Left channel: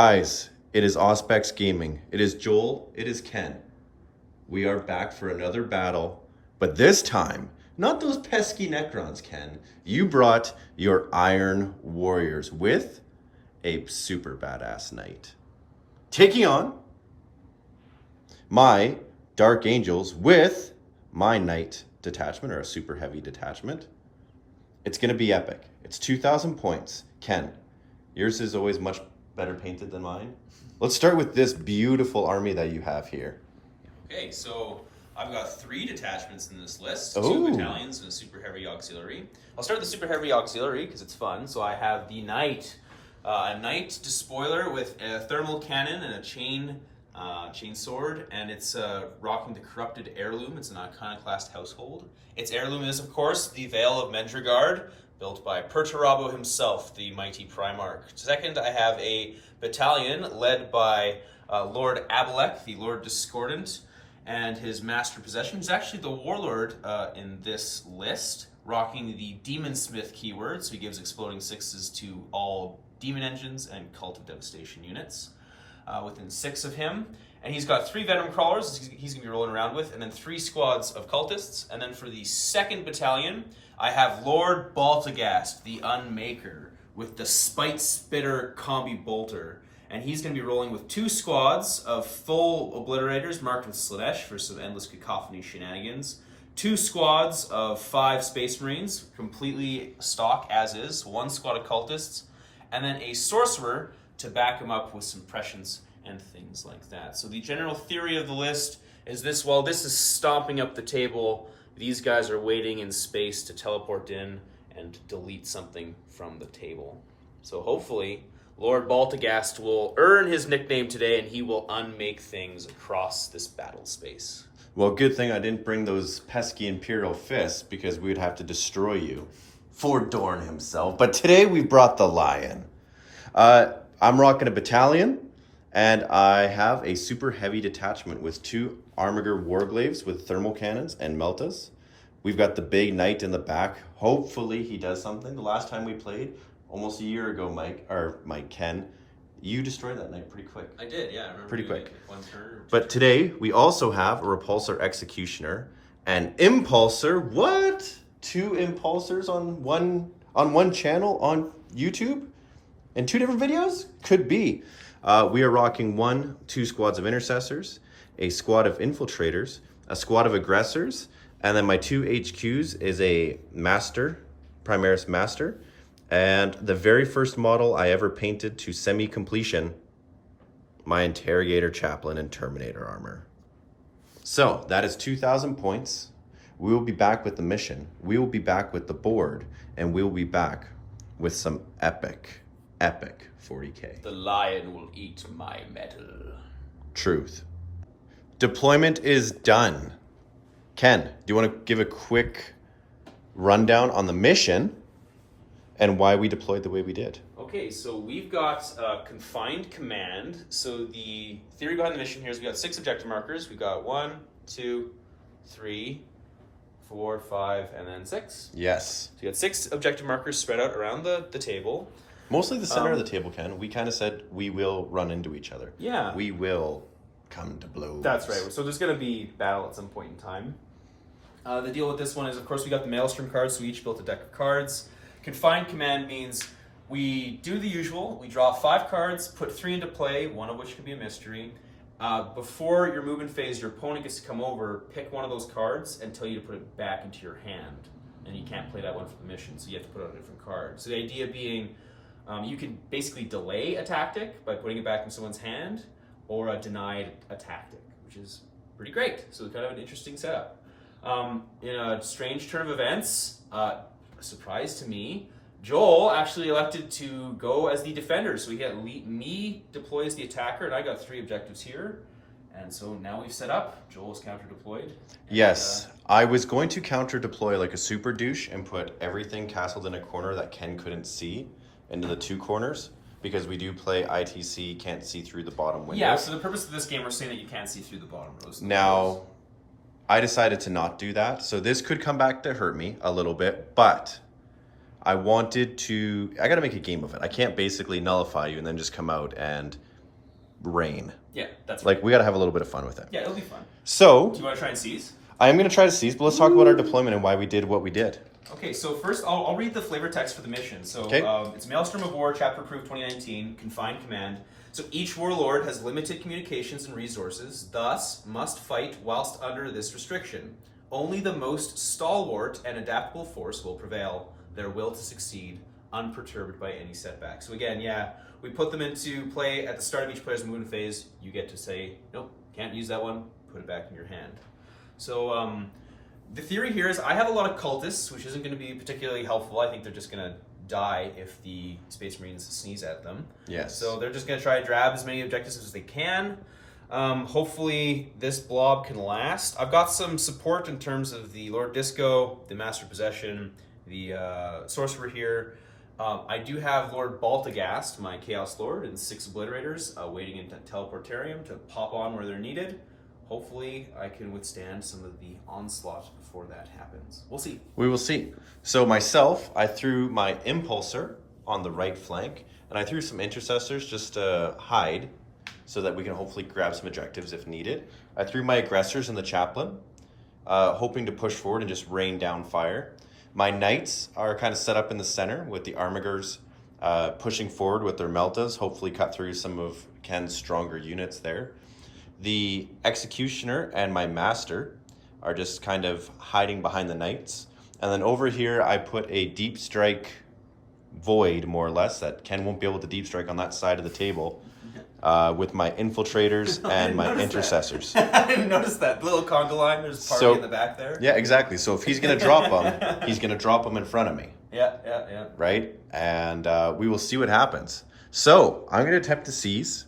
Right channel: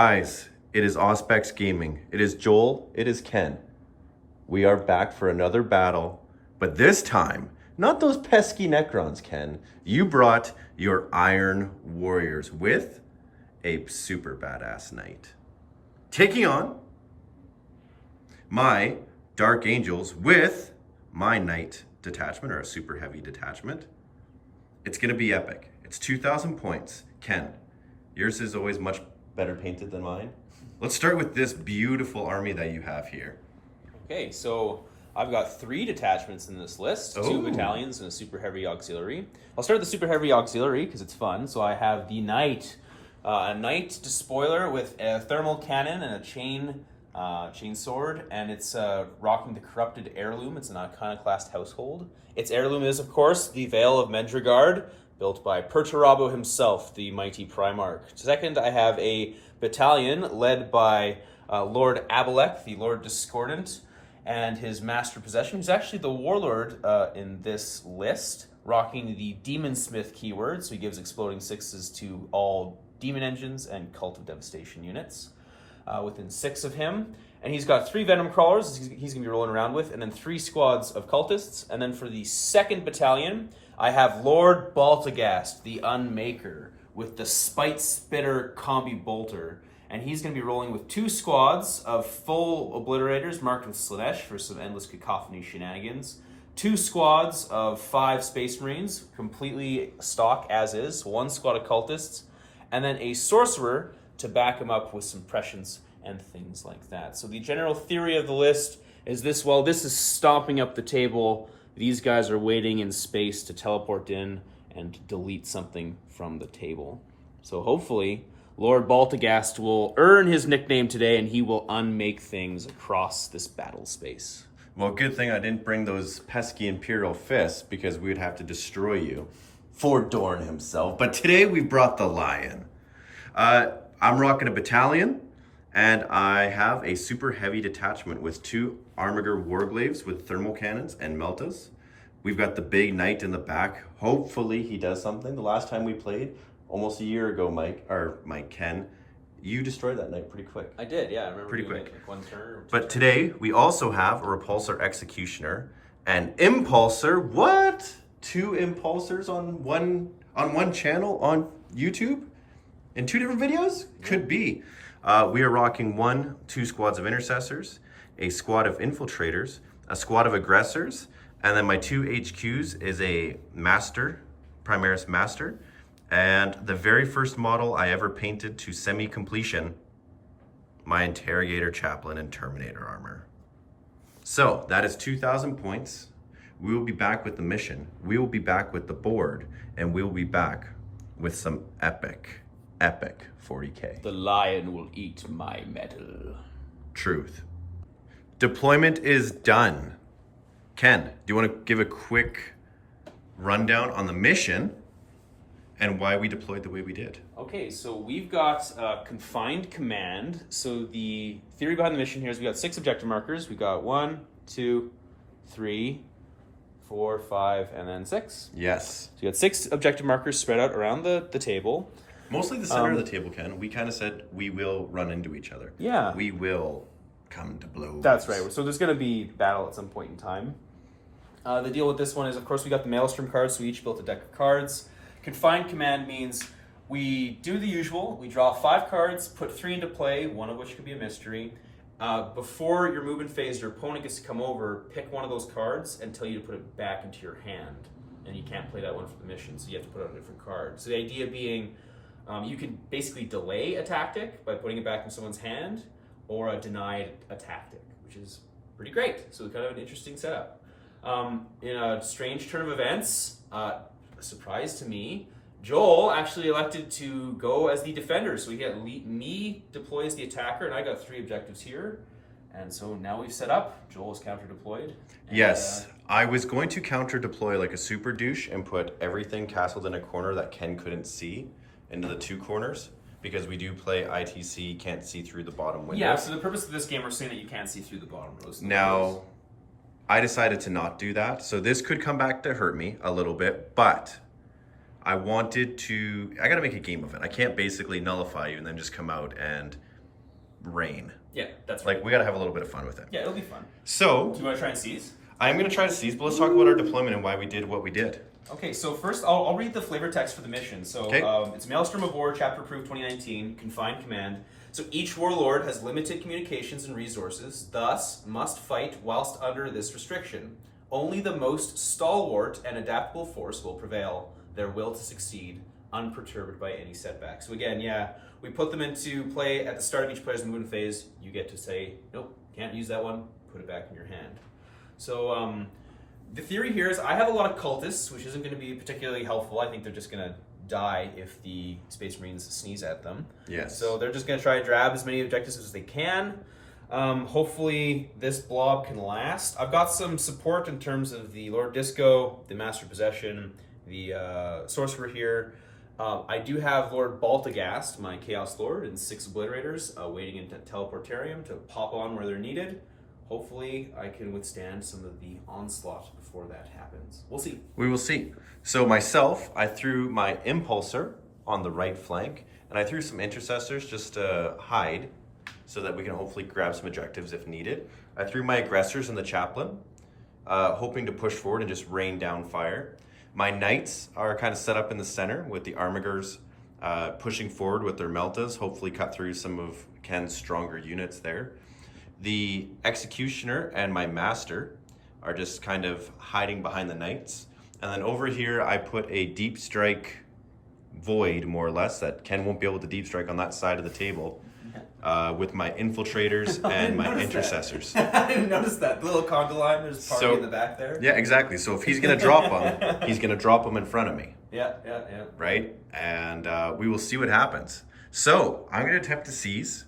Guys, it is Auspex Gaming. It is Joel. It is Ken. We are back for another battle, but this time, not those pesky Necrons, Ken. You brought your Iron Warriors with a super badass knight. Taking on my Dark Angels with my Knight detachment, or a super heavy detachment. It's gonna be epic. It's 2,000 points. Ken, yours is always much better painted than mine. Let's start with this beautiful army that you have here. Okay, so I've got 3 detachments in this list, Ooh. 2 battalions and a super heavy auxiliary. I'll start with the super heavy auxiliary because it's fun. So I have the Knight, a Knight Despoiler with a thermal cannon and a chain sword, and it's rocking the Corrupted Heirloom. It's an iconoclast household. Its heirloom is, of course, the Veil of Mendragard, built by Perturabo himself, the mighty Primarch. Second, I have a battalion led by Lord Abalek, the Lord Discordant, and his master possession. He's actually the warlord in this list, rocking the Demonsmith keyword, so he gives exploding 6s to all demon engines and Cult of Devastation units. Within 6 of him. And he's got 3 Venom Crawlers he's going to be rolling around with, and then 3 squads of Cultists. And then for the 2nd battalion, I have Lord Baltagast, the Unmaker, with the Spite Spitter Combi Bolter. And he's going to be rolling with 2 squads of full Obliterators marked with Slanesh for some endless cacophony shenanigans. 2 squads of 5 Space Marines, completely stock as is. 1 squad of Cultists. And then a Sorcerer to back him up with some prescience and things like that. So the general theory of the list is this: while this is stomping up the table, these guys are waiting in space to teleport in and delete something from the table. So hopefully Lord Baltagast will earn his nickname today, and he will unmake things across this battle space. Well, good thing I didn't bring those pesky Imperial fists, because we'd have to destroy you for Dorn himself. But today we brought the Lion. I'm rocking a battalion, and I have a super heavy detachment with 2 Armiger Warglaves with thermal cannons and Meltas. We've got the big Knight in the back. Hopefully he does something. The last time we played, almost a year ago, Ken, you destroyed that Knight pretty quick. I did, yeah. I remember pretty quick. Like 1 turn or 2 But turns. today, we also have a Repulsor Executioner, an Impulsor. What? 2 Impulsors on one channel on YouTube? In 2 different videos? Could be. We are rocking 2 squads of Intercessors, a squad of Infiltrators, a squad of Aggressors, and then my 2 HQs is a Master, Primaris Master, and the very first model I ever painted to semi-completion, my Interrogator Chaplain and Terminator armor. So, that is 2,000 points. We will be back with the mission. We will be back with the board, and we will be back with some epic 40K. The lion will eat my metal. Truth. Deployment is done. Ken, do you want to give a quick rundown on the mission and why we deployed the way we did? Okay, so we've got confined command. So the theory behind the mission here is we got 6 objective markers. We got 1, 2, 3, 4, 5, and then 6. Yes. So you got 6 objective markers spread out around the table. Mostly the center of the table, Ken. We kind of said we will run into each other. Yeah. We will come to blows. That's right. So there's going to be battle at some point in time. The deal with this one is, of course, we got the Maelstrom cards, so we each built a deck of cards. Confined command means we do the usual. We draw 5 cards, put 3 into play, one of which could be a mystery. Before your movement phase, your opponent gets to come over, pick one of those cards, and tell you to put it back into your hand. And you can't play that one for the mission, so you have to put out a different card. So the idea being, you can basically delay a tactic by putting it back in someone's hand, or deny a tactic, which is pretty great. So it's kind of an interesting setup. In a strange turn of events, a surprise to me, Joel actually elected to go as the defender. So he had me deploy as the attacker, and I got 3 objectives here. And so now we've set up. Joel is counter deployed. Yes, I was going to counter deploy like a super douche and put everything castled in a corner that Ken couldn't see into the 2 corners, because we do play ITC, can't see through the bottom windows. Yeah, for the purpose of this game, we're saying that you can't see through the bottom rows. Now, I decided to not do that, so this could come back to hurt me a little bit, but I gotta make a game of it. I can't basically nullify you and then just come out and rain. Yeah, that's right. Like, we gotta have a little bit of fun with it. Yeah, it'll be fun. So, Do you want to try and seize? I am gonna try to seize, but let's talk about our deployment and why we did what we did. Okay, so first I'll read the flavor text for the mission. So it's Maelstrom of War, Chapter Approved 2019, Confined Command. So each warlord has limited communications and resources, thus must fight whilst under this restriction. Only the most stalwart and adaptable force will prevail, their will to succeed, unperturbed by any setback. So again, yeah, we put them into play at the start of each player's movement phase. You get to say, nope, can't use that one, put it back in your hand. So the theory here is I have a lot of cultists, which isn't going to be particularly helpful. I think they're just going to die if the Space Marines sneeze at them. Yes. So they're just going to try to grab as many objectives as they can. Hopefully this blob can last. I've got some support in terms of the Lord Disco, the Master Possession, the Sorcerer here. I do have Lord Baltagast, my Chaos Lord, and 6 Obliterators waiting in Teleportarium to pop on where they're needed. Hopefully I can withstand some of the onslaught before that happens. We'll see. We will see. So myself, I threw my Impulsor on the right flank, and I threw some Intercessors just to hide, so that we can hopefully grab some objectives if needed. I threw my Aggressors in the Chaplain, hoping to push forward and just rain down fire. My Knights are kind of set up in the center with the Armigers pushing forward with their Meltas, hopefully cut through some of Ken's stronger units there. The Executioner and my Master are just kind of hiding behind the Knights. And then over here, I put a Deep Strike void, more or less, that Ken won't be able to Deep Strike on that side of the table. With my Infiltrators and my Intercessors. I didn't notice that. The little conga line, there's a party in the back there. Yeah, exactly. So if he's going to drop them, he's going to drop them in front of me. Yeah. Right? And we will see what happens. So I'm going to attempt to seize.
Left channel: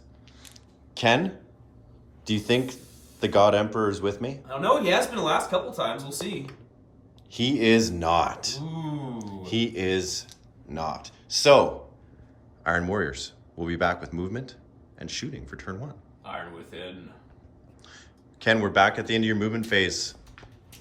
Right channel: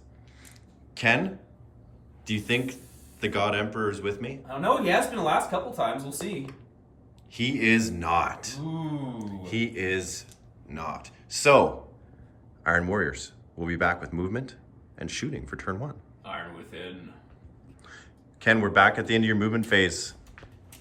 Ken, do you think the God Emperor is with me? I don't know. He has been the last couple times. We'll see. He is not. Ooh. He is not. So, Iron Warriors, we'll be back with movement and shooting for turn 1. Iron Within. Ken, we're back at the end of your movement phase.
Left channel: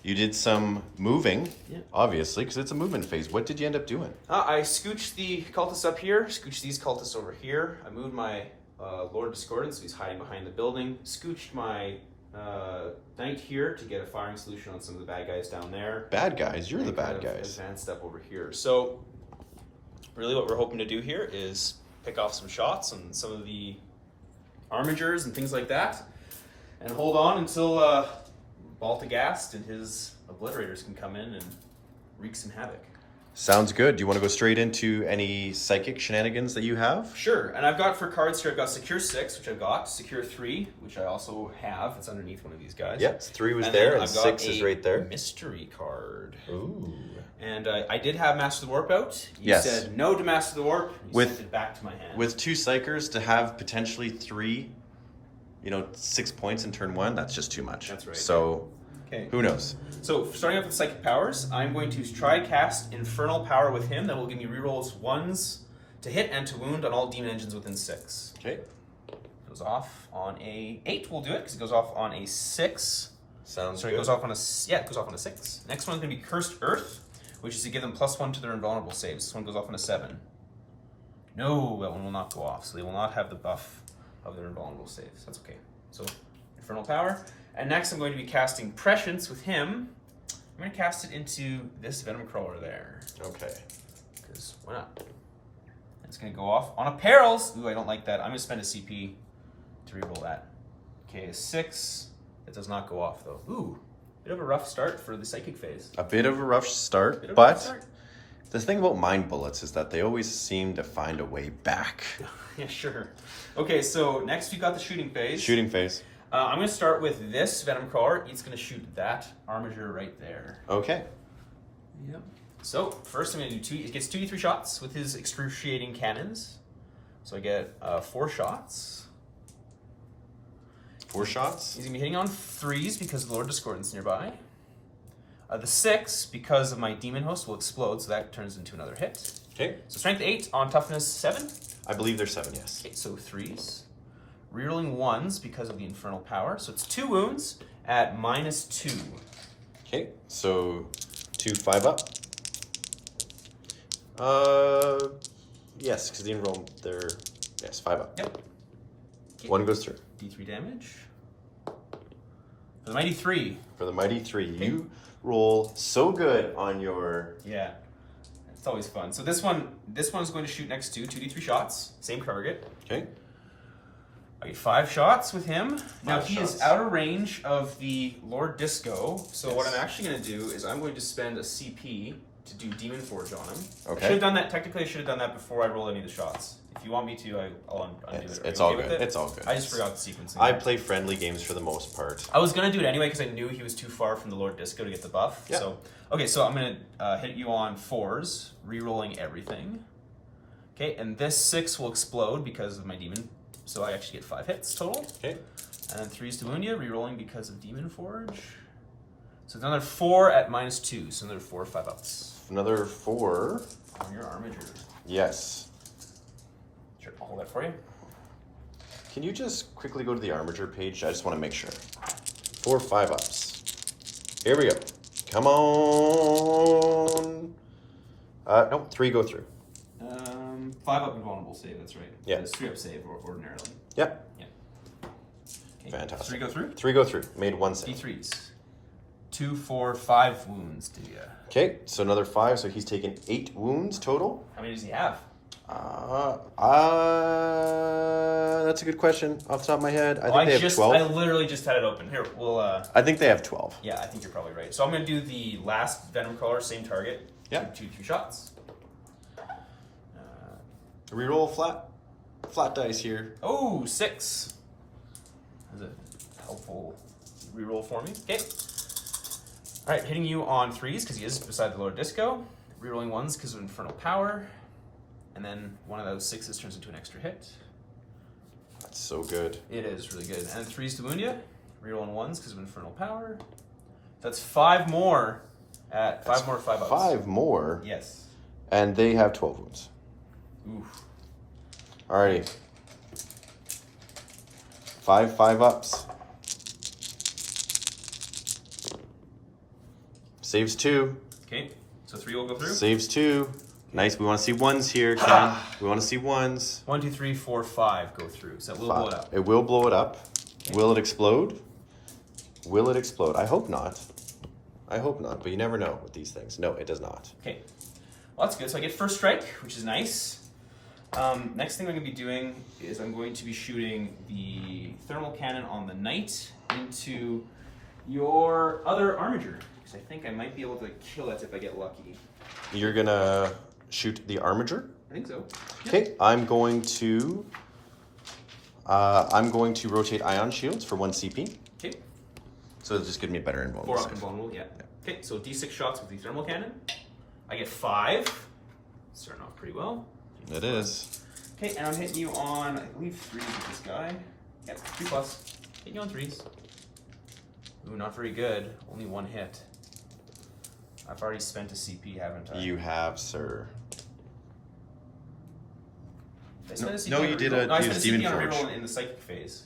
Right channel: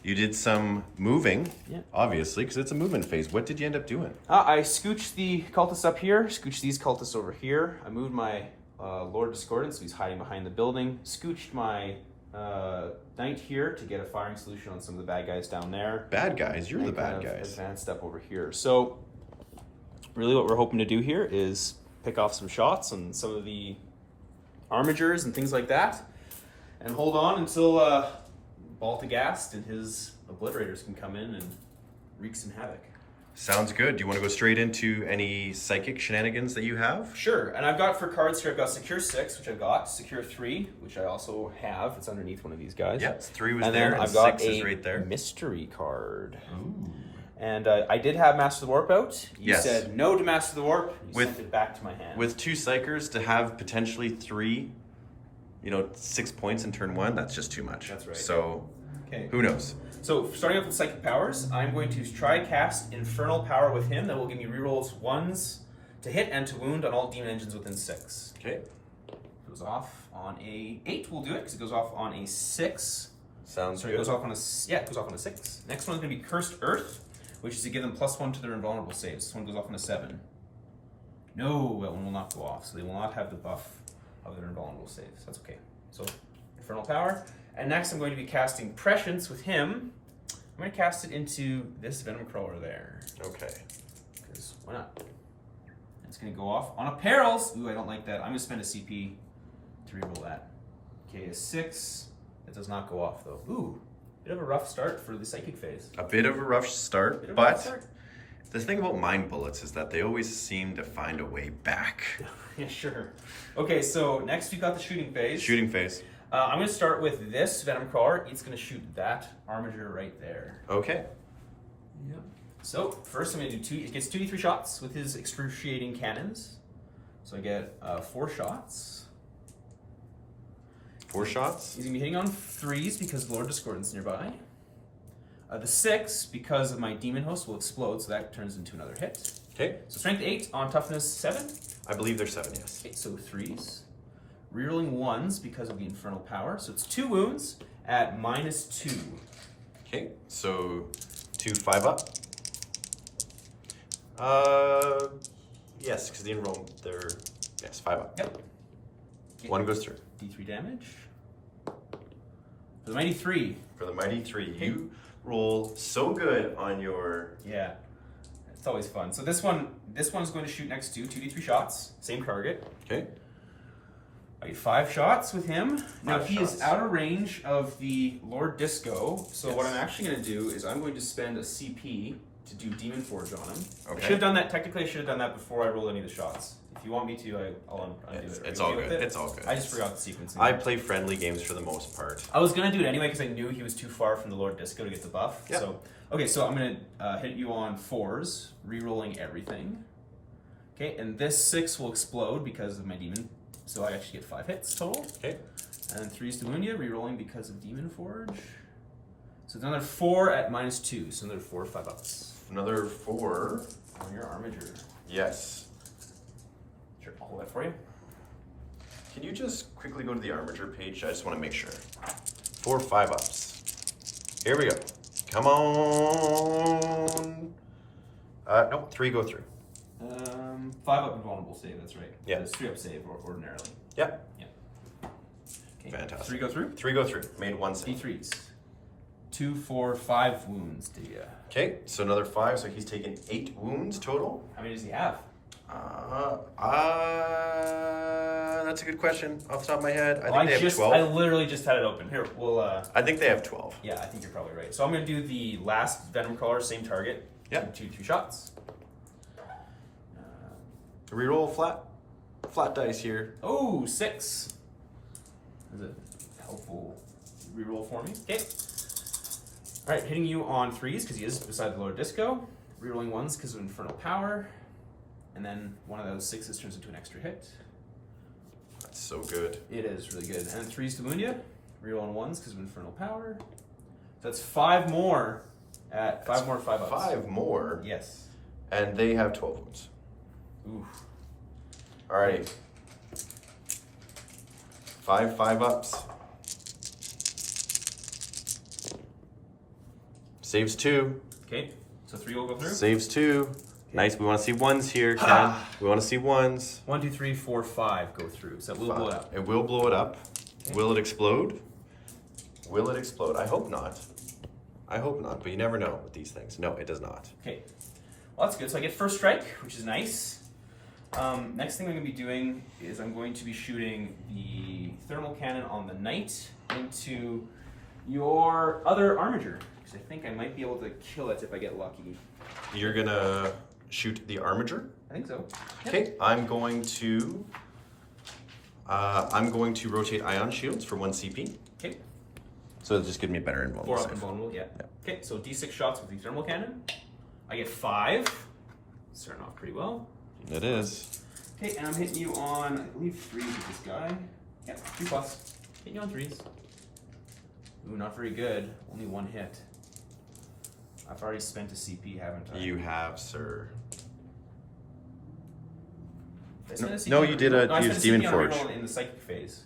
You did some moving, obviously, because it's a movement phase. What did you end up doing? I scooched the cultists up here, scooched these cultists over here. I moved my Lord Discordant, so he's hiding behind the building. Scooched my Knight here to get a firing solution on some of the bad guys down there. Bad guys? You're the bad guys. Advanced step over here. So, really what we're hoping to do here is pick off some shots on some of the armigers and things like that, and hold on until Baltagast and his Obliterators can come in and wreak some havoc. Sounds good. Do you want to go straight into any psychic shenanigans that you have? Sure, and I've got for cards here, I've got Secure 6, which I've got, Secure 3, which I also have. It's underneath one of these guys. Yes, 3 was and there, and and 6 is right there. Mystery card. Ooh. And I did have Master of the Warp out. You said no to Master of the Warp. You sent it back to my hand. With 2 Psychers to have potentially 3, 6 points in turn 1, that's just too much. That's right. So, who knows? So, starting off with Psychic Powers, I'm going to try cast Infernal Power with him. That will give me rerolls 1s to hit and to wound on all demon engines within 6. Okay. Goes off on a 8. We'll do it because it goes off on a 6. Sounds good. It goes off on a 6. Next one is going to be Cursed Earth, which is to give them +1 to their invulnerable saves. This one goes off on a 7. No, that one will not go off, so they will not have the buff of their invulnerable saves. That's okay. So, Infernal Power. And next I'm going to be casting Prescience with him. I'm going to cast it into this Venom Crawler there. Okay. Because why not? It's going to go off on a Perils. Ooh, I don't like that. I'm going to spend a CP to reroll that. Okay, a 6. That does not go off though. Ooh, bit of a rough start for the Psychic phase. A bit of a rough start, but the thing about Mind Bullets is that they always seem to find a way back. Yeah, sure. Okay, so next we've got the Shooting phase. Shooting phase. I'm going to start with this Venom Crawler. It's going to shoot that Armiger right there. Okay. Yep. So first I'm going to do 2. It gets 2d3 shots with his excruciating cannons. So I get 4 shots. 4 shots? He's going to be hitting on 3s because Lord Discordant's nearby. The 6, because of my Demon Host, will explode, so that turns into another hit. Okay. So Strength 8 on Toughness 7. I believe there's 7, yes. Okay, so 3s. Rerolling 1s because of the Infernal Power. So it's 2 wounds at -2. Okay, so 2 5 up. Yes, because the enroll, they're, yes, 5 up. Yep. One goes through. D3 damage. For the mighty 3. For the mighty 3. You roll so good on your... Yeah. It's always fun. So this one's going to shoot next to 2d3 shots. Same target. Okay. I get 5 shots with him. Now he shots. is out of range of the Lord Disco. So Yes. what I'm actually going to do is I'm going to spend a CP to do Demon Forge on him. Okay. I should have done that. Technically, I should have done that before I roll any of the shots. If you want me to, I'll undo it. Are It's you all okay with good. it? It's all good. I just forgot the sequencing. I play friendly games for the most part. I was gonna do it anyway because I knew he was too far from the Lord Disco to get the buff. Yeah. So okay, so I'm gonna hit you on 4s, re-rolling everything. Okay, and this 6 will explode because of my demon. So I actually get 5 hits total. Okay. And then 3s to wound you, re-rolling because of Demon Forge. So it's another 4 at -2, so another 4 or 5 ups. Another 4. On your armature. Yes. Sure, I'll hold that for you. Can you just quickly go to the armature page? I just want to make sure. 4 or 5 ups. Here we go. Come on. No, 3 go through. 5 up invulnerable save, that's right. Yeah. It's 3 up save ordinarily. Yep. Yeah. Okay. Fantastic. 3 go through? 3 go through. Made 1 save. D3s. 2, 4, 5 wounds to you. Okay, so another 5, so he's taken 8 wounds total. How many does he have? That's a good question. Off the top of my head, Well, I think they have 12. I literally just had it open. Here, we'll. I think they have 12. Yeah, I think you're probably right. So I'm gonna do the last Venom Crawler, same target. Yep. 2, 3 shots. Reroll flat dice here. Oh, 6. That's a helpful reroll for me. Okay. All right, hitting you on 3s because he is beside the Lord Disco. Rerolling 1s because of Infernal Power. And then one of those 6s turns into an extra hit. That's so good. It is really good. And then 3s to wound you. Rerolling 1s because of Infernal Power. That's 5 more at 5 more 5 ups. 5 more. Yes. And they have 12 wounds. Oof. Alrighty. 5 ups. Saves 2. Okay. So 3 will go through. Saves 2. Nice. We want to see 1s here, Ken. We want to see 1s. 1, 2, 3, 4, 5 go through. So we'll blow it up. It will blow it up. Okay. Will it explode? Will it explode? I hope not. I hope not, but you never know with these things. No, it does not. Okay. Well, that's good. So I get first strike, which is nice. Next thing I'm going to be doing is I'm going to be shooting the thermal cannon on the knight into your other armature. Because I think I might be able to kill it if I get lucky. You're gonna shoot the armature. I think so. Yep. Okay, I'm going to rotate ion shields for 1 CP. Okay. So it'll just give me a better 4 invulnerable up save. invulnerable, yeah. Okay, so D6 shots with the thermal cannon. I get 5. Starting off pretty well. It is. Okay, and I'm hitting you on, I believe, 3s with this guy. Yep, 2 plus. Hitting you on 3s. Ooh, not very good. Only 1 hit. I've already spent a CP, haven't I? You have, sir. Did I spend a CP No, on you a did reroll? a- No, I you spent used a CP Demon on a Forge. reroll in the psychic phase.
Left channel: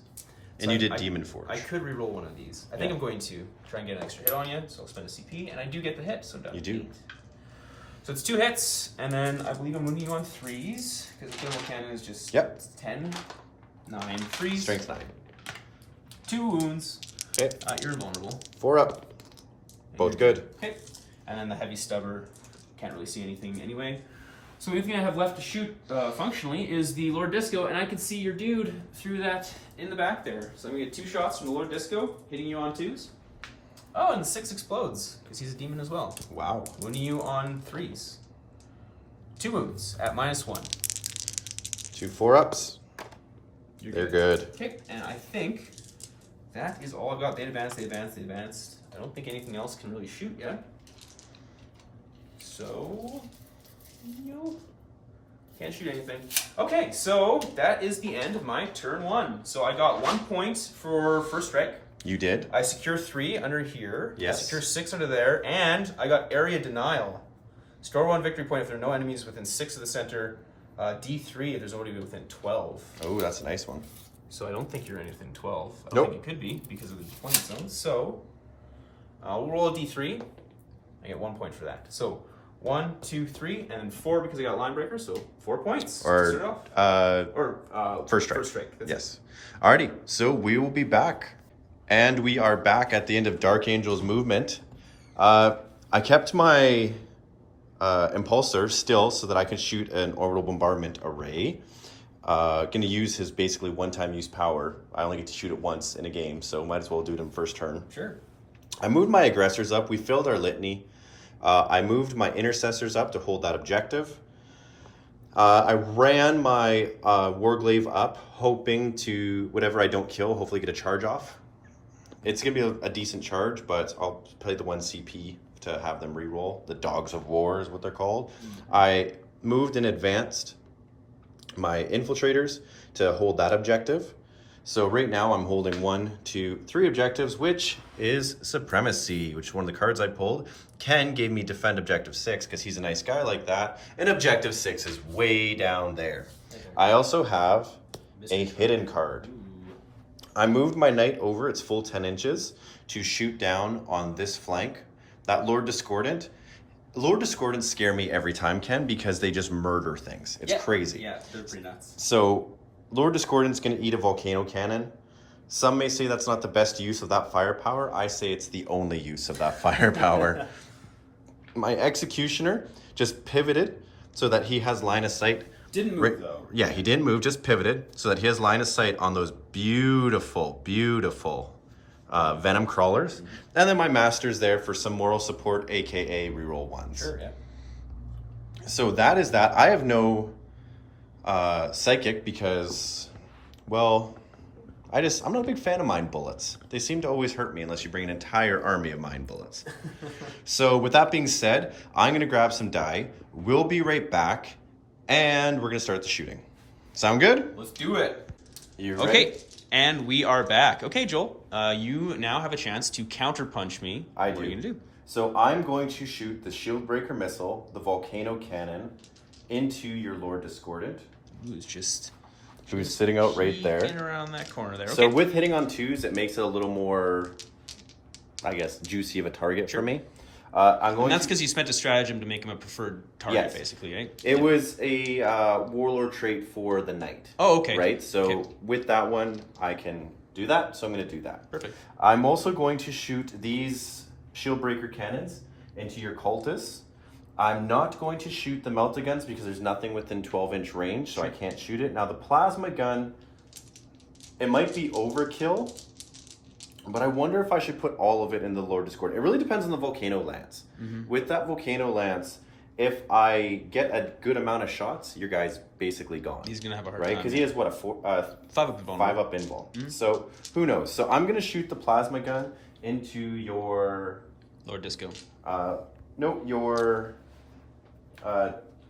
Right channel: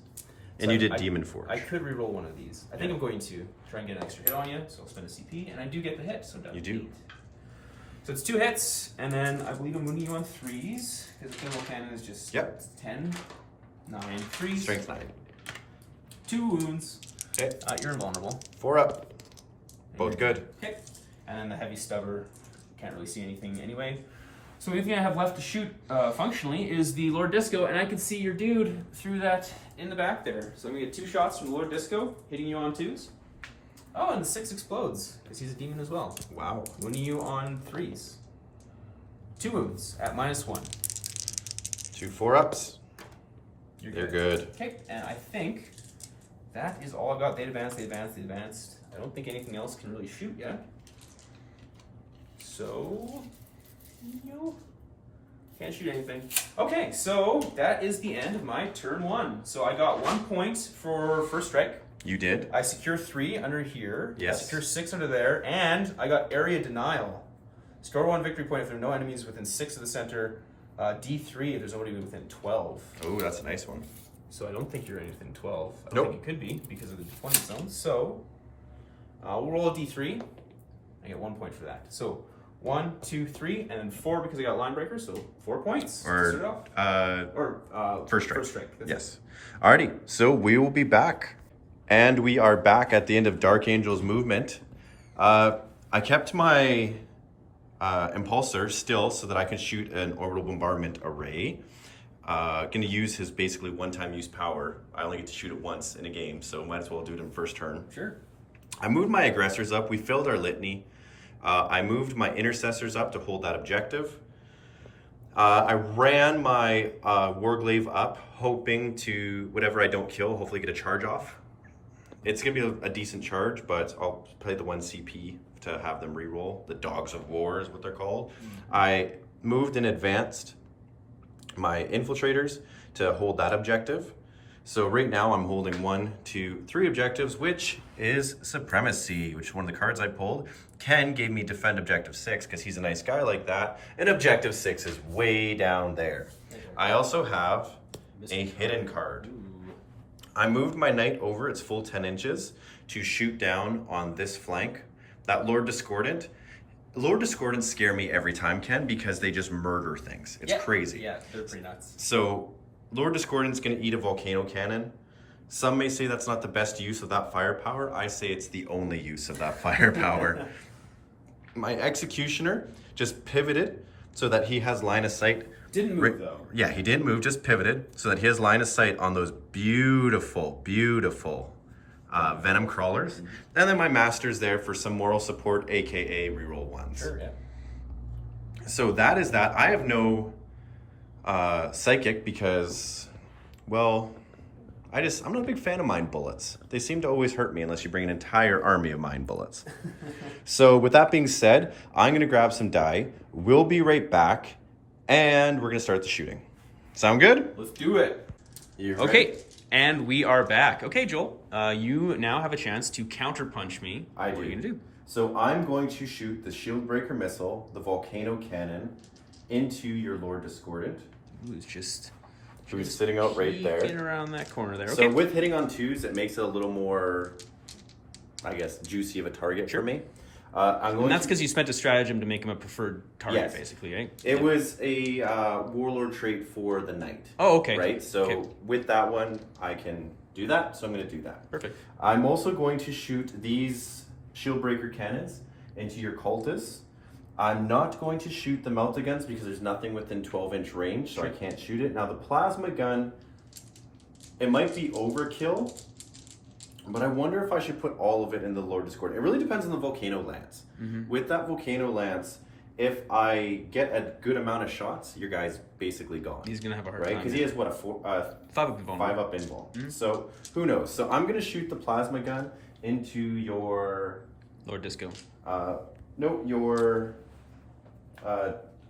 And So you did I- Demon Forge. I could reroll one of these. I think Yeah. I'm going to try and get an extra hit on you, so I'll spend a CP, and I do get the hit, so down You to do. 8. So it's 2 hits, and then I believe I'm wounding you on 3s, because the thermal cannon is just Yep. 10, 9, 3s. Strength 9. 2 wounds. Okay. You're invulnerable. 4 up. Both good. Okay. And then the heavy stubber, can't really see anything anyway. So the only thing I have left to shoot functionally is the Lord Disco, and I can see your dude through that in the back there. So I'm gonna get 2 shots from the Lord Disco, hitting you on 2s. Oh, and the 6 explodes, because he's a demon as well. Wow. Wounding you on 3s. 2 wounds at -1. 2 4 ups. You're They're good. Okay, and I think that is all I've got. They advanced, they advanced, they advanced. I don't think anything else can really shoot yet. So, no. Can't shoot anything. Okay, so that is the end of my turn 1. So I got 1 point for first strike. You did. I secure 3 under here. Yes. I secure 6 under there, and I got area denial. Store 1 victory point if there are no enemies within 6 of the center. D3 if there's nobody within 12. Oh, that's a nice one. So I don't think you're anything 12. I don't Nope. think it could be because of the deployment zone. So we'll roll a D3. I get 1 point for that. So 1, 2, 3, and then 4 because I got line breaker, so 4 points. Or first strike. First strike. That's Yes. Alrighty. So we will be back, and we are back at the end of Dark Angel's movement. I kept my impulsor still so that I could shoot an orbital bombardment array. Going to use his basically one-time use power. I only get to shoot it once in a game, so might as well do it in first turn. Sure. I moved my aggressors up. We filled our litany. I moved my intercessors up to hold that objective. I ran my Warglaive up, hoping to, whatever I don't kill, hopefully get a charge off. It's going to be a decent charge, but I'll play the 1 CP to have them reroll. The Dogs of War is what they're called. I moved and advanced my infiltrators to hold that objective. So right now I'm holding 1, 2, 3 objectives, which is Supremacy, which is one of the cards I pulled. Ken gave me Defend Objective 6 because he's a nice guy like that. And Objective 6 is way down there. Okay. I also have a hidden card. I moved my knight over its full 10 inches to shoot down on this flank. That Lord Discordant. Lord Discordants scare me every time, Ken, because they just murder things. It's crazy. Yeah, they're pretty nuts. So Lord Discordant's going to eat a volcano cannon. Some may say that's not the best use of that firepower. I say it's the only use of that firepower. My Executioner just pivoted so that he has line of sight. Didn't move though. Yeah, he didn't move, just pivoted so that he has line of sight on those beautiful, beautiful Venom Crawlers. Mm-hmm. And then my Master's there for some moral support, aka reroll 1s. Sure, yeah. So that is that. I have no Psychic because, well, I'm not a big fan of Mind Bullets. They seem to always hurt me unless you bring an entire army of Mind Bullets. So with that being said, I'm going to grab some die. We'll be right back, and we're going to start the shooting. Sound good? Let's do it. You okay, ready? And we are back. Okay, Joel, you now have a chance to counterpunch me. What are you going to do? So I'm going to shoot the Shield Breaker Missile, the Volcano Cannon, into your Lord Discordant. Ooh, it's who's sitting out right there. In around that corner there. Okay. So with hitting on 2s, it makes it a little more, I guess, juicy of a target for me. And that's because you spent a stratagem to make him a preferred target, basically, right? It was a Warlord trait for the Knight. Oh, okay. Right? So with that one, I can do that. So I'm going to do that. Perfect. I'm also going to shoot these Shield Breaker Cannons into your Cultists. I'm not going to shoot the Melt-A-Guns because there's nothing within 12-inch range, so I can't shoot it. Now, the Plasma Gun, it might be overkill, but I wonder if I should put all of it in the Lord Discord. It really depends on the Volcano Lance. Mm-hmm. With that Volcano Lance, if I get a good amount of shots, your guy's basically gone. He's going to have a hard time. Right? Because he has, what, a 5-up invuln. Mm-hmm. So, who knows? So, I'm going to shoot the Plasma Gun into your... Lord Disco. No, your...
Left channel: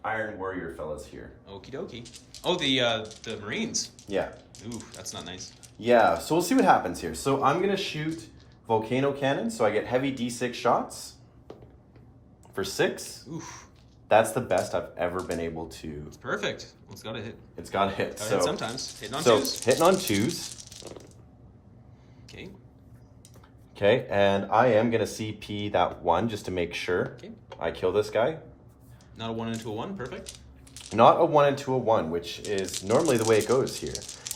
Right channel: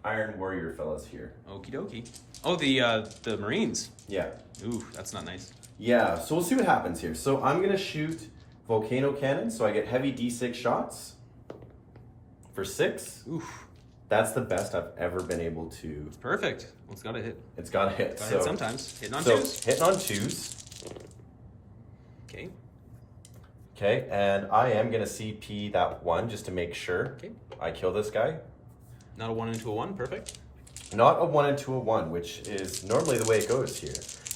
Iron Warrior fellas here. Okie dokie. Oh, the Marines. Yeah. Ooh, that's not nice. Yeah, so we'll see what happens here. So I'm going to shoot Volcano Cannon, so I get heavy D6 shots for 6. Oof. That's the best I've ever been able to... It's perfect. Well, it's got to hit. It's got to hit. It's got to hit sometimes. Hitting on 2s. Hitting on 2s. Okay. Okay, and I am going to CP that 1 just to make sure I kill this guy. Not a 1 into a 1, perfect. Not a 1 into a 1, which is normally the way it goes here.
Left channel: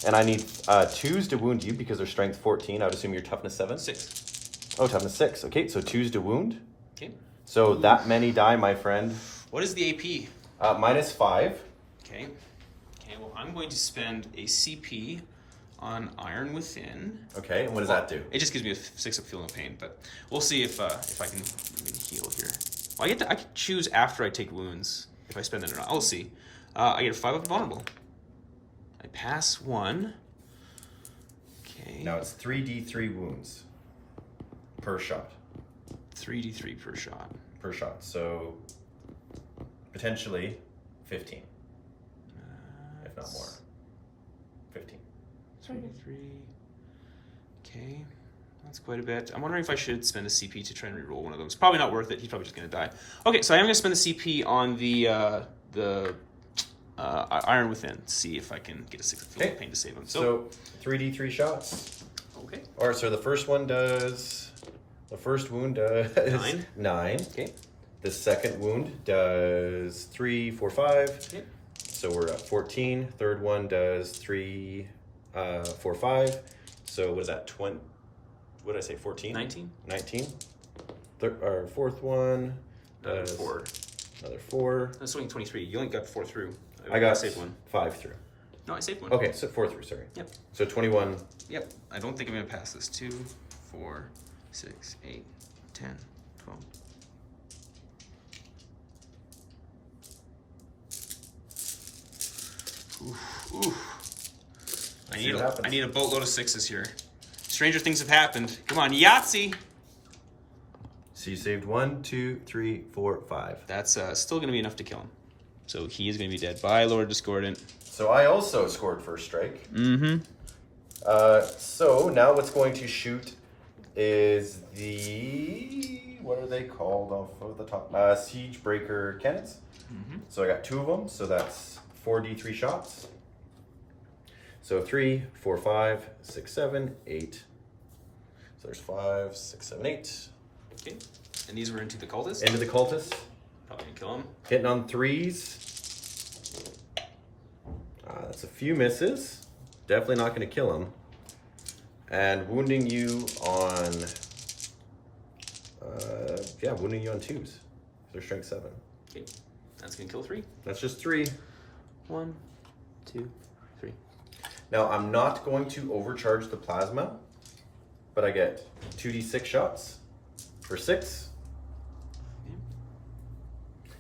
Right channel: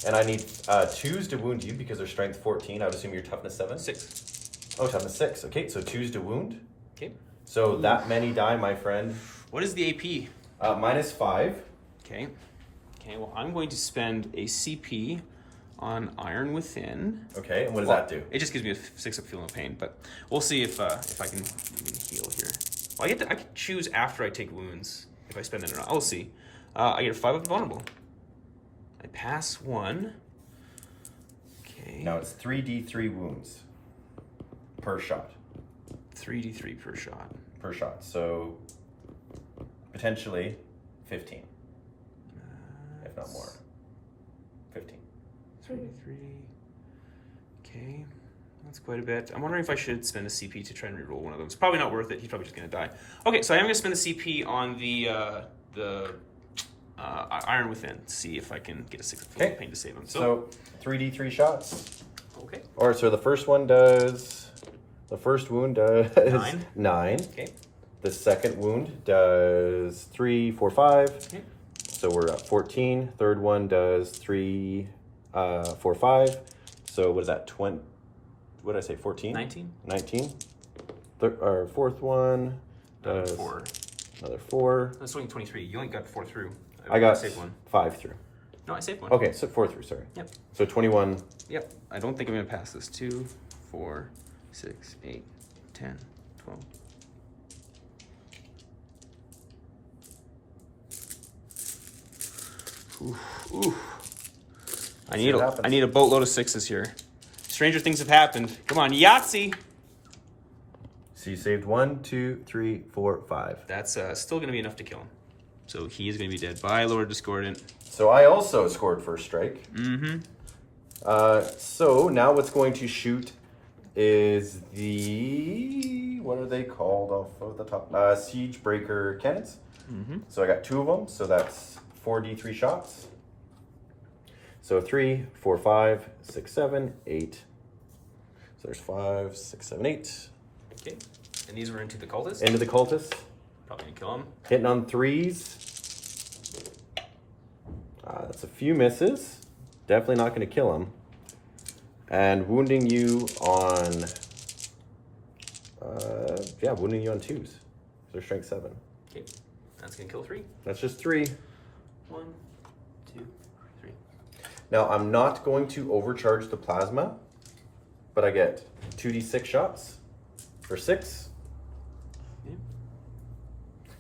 And I need 2s to wound you because they're strength 14. I would assume you're toughness 7? 6. Oh, toughness 6. Okay, so 2s to wound. Okay. So that many die, my friend. What is the AP? -5. Okay. Okay, well, I'm going to spend a CP on Iron Within. Okay, and what does that do? It just gives me a 6-up feeling of pain, but we'll see if I can even heal here. Well, I can choose after I take wounds if I spend that or not. I'll see. I get a 5-up vulnerable. I pass 1. Okay. Now it's 3d3 wounds per shot. 3d3 per shot. Per shot. So potentially 15, if not more. 15. 3d3. Okay. That's quite a bit. I'm wondering if I should spend a CP to try and reroll one of them. It's probably not worth it. He's probably just going to die. Okay, so I am going to spend the CP on the Iron Within. See if I can get a 6 of pain to save him. So 3d3 shots. Okay. Or so the first one does. The first wound does 9. 9. Okay. The second wound does 3, 4, 5. Okay. So we're at 14. Third one does 3, 4, 5. So what is that? 20? What did I say? 14? 19. 19. Our fourth one does 4. another 4. That's only 23. You only got 4 through. I got saved one. 5 through. No, I saved one. Okay, so 4 through, sorry. Yep. So 21. Yep. I don't think I'm going to pass this. 2, 4, 6, 8, 10, 12. Oof, oof. I need a boatload of 6s here. Stranger things have happened. Come on, Yahtzee! So you saved 1, 2, 3, 4, 5. That's still going to be enough to kill him. So he is going to be dead. Bye, Lord Discordant. So I also scored first strike. Mm-hmm. So now what's going to shoot is the, what are they called off of the top? Siege Breaker cannons. Mm-hmm. So I got 2 of them. So that's 4d3 shots. So 3, 4, 5, 6, 7, 8. So there's 5, 6, 7, 8. Okay. And these were into the cultist? Into the cultist. Probably going to kill him. Hitting on 3s. That's a few misses. Definitely not going to kill him. And wounding you on, wounding you on 2s. They're strength 7. Okay. That's going to kill 3. That's just 3. 1, 2, 3. Now, I'm not going to overcharge the plasma, but I get 2d6 shots for 6. Okay.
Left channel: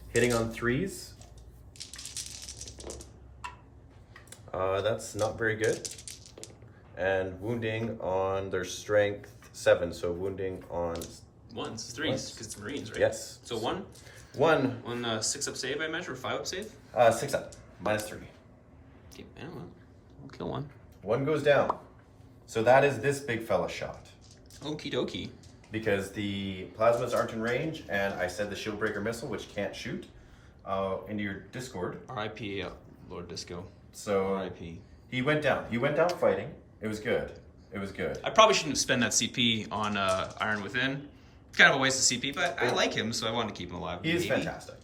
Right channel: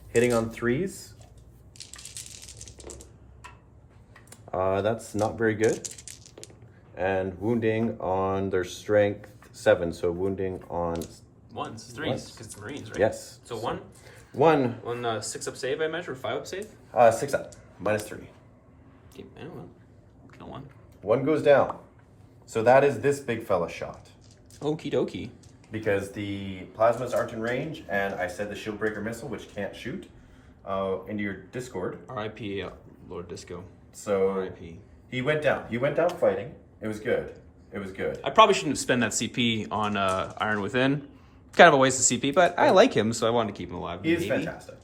Hitting on 3s. That's not very good. And wounding on their strength 7, so wounding on 1s, 3s, because it's Marines, right? Yes. So 1? 1. 6 up save, I measure, or 5 up save? 6 up, minus 3. Okay, I don't know. I'll kill 1. 1 goes down. So that is this big fella shot. Okie dokie. Because the plasmas aren't in range, and I said the shield breaker missile, which can't shoot, into your Discord. R.I.P. Lord Disco. So R.I.P. he went down. He went down fighting. It was good. It was good. I probably shouldn't have spent that CP on Iron Within. It's kind of a waste of CP, but I like him, so I wanted to keep him alive. He is fantastic.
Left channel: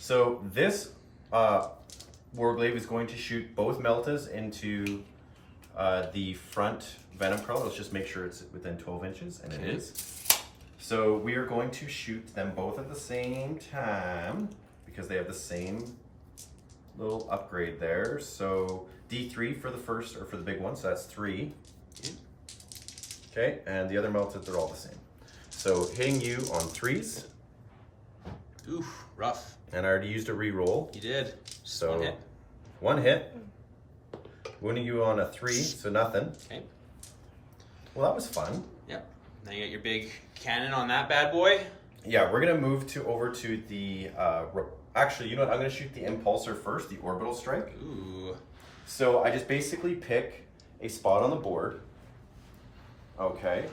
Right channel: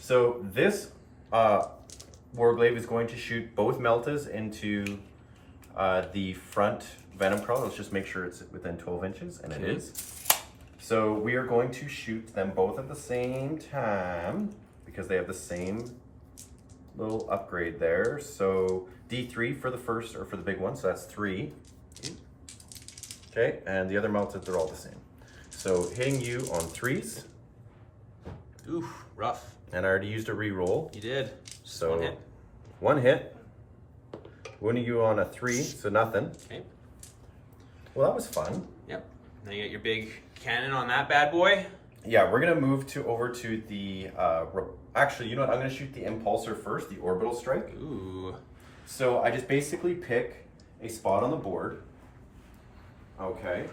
So this Warglaive is going to shoot both Meltas into the front Venom Crawler. Let's just make sure it's within 12 inches, and it is. So we are going to shoot them both at the same time because they have the same little upgrade there. So D3 for the first, or for the big one, so that's 3. Okay, and the other Meltas, they're all the same. So hitting you on 3s. Oof, rough. And I already used a reroll. You did. So 1 hit. 1 hit. Wounding you on a 3, so nothing. Okay. Well, that was fun. Yep. Now you got your big cannon on that bad boy. Yeah, we're gonna move over to the. Actually, you know what? I'm gonna shoot the impulsor first, the orbital strike. Ooh. So I just basically pick a spot on the board. Okay.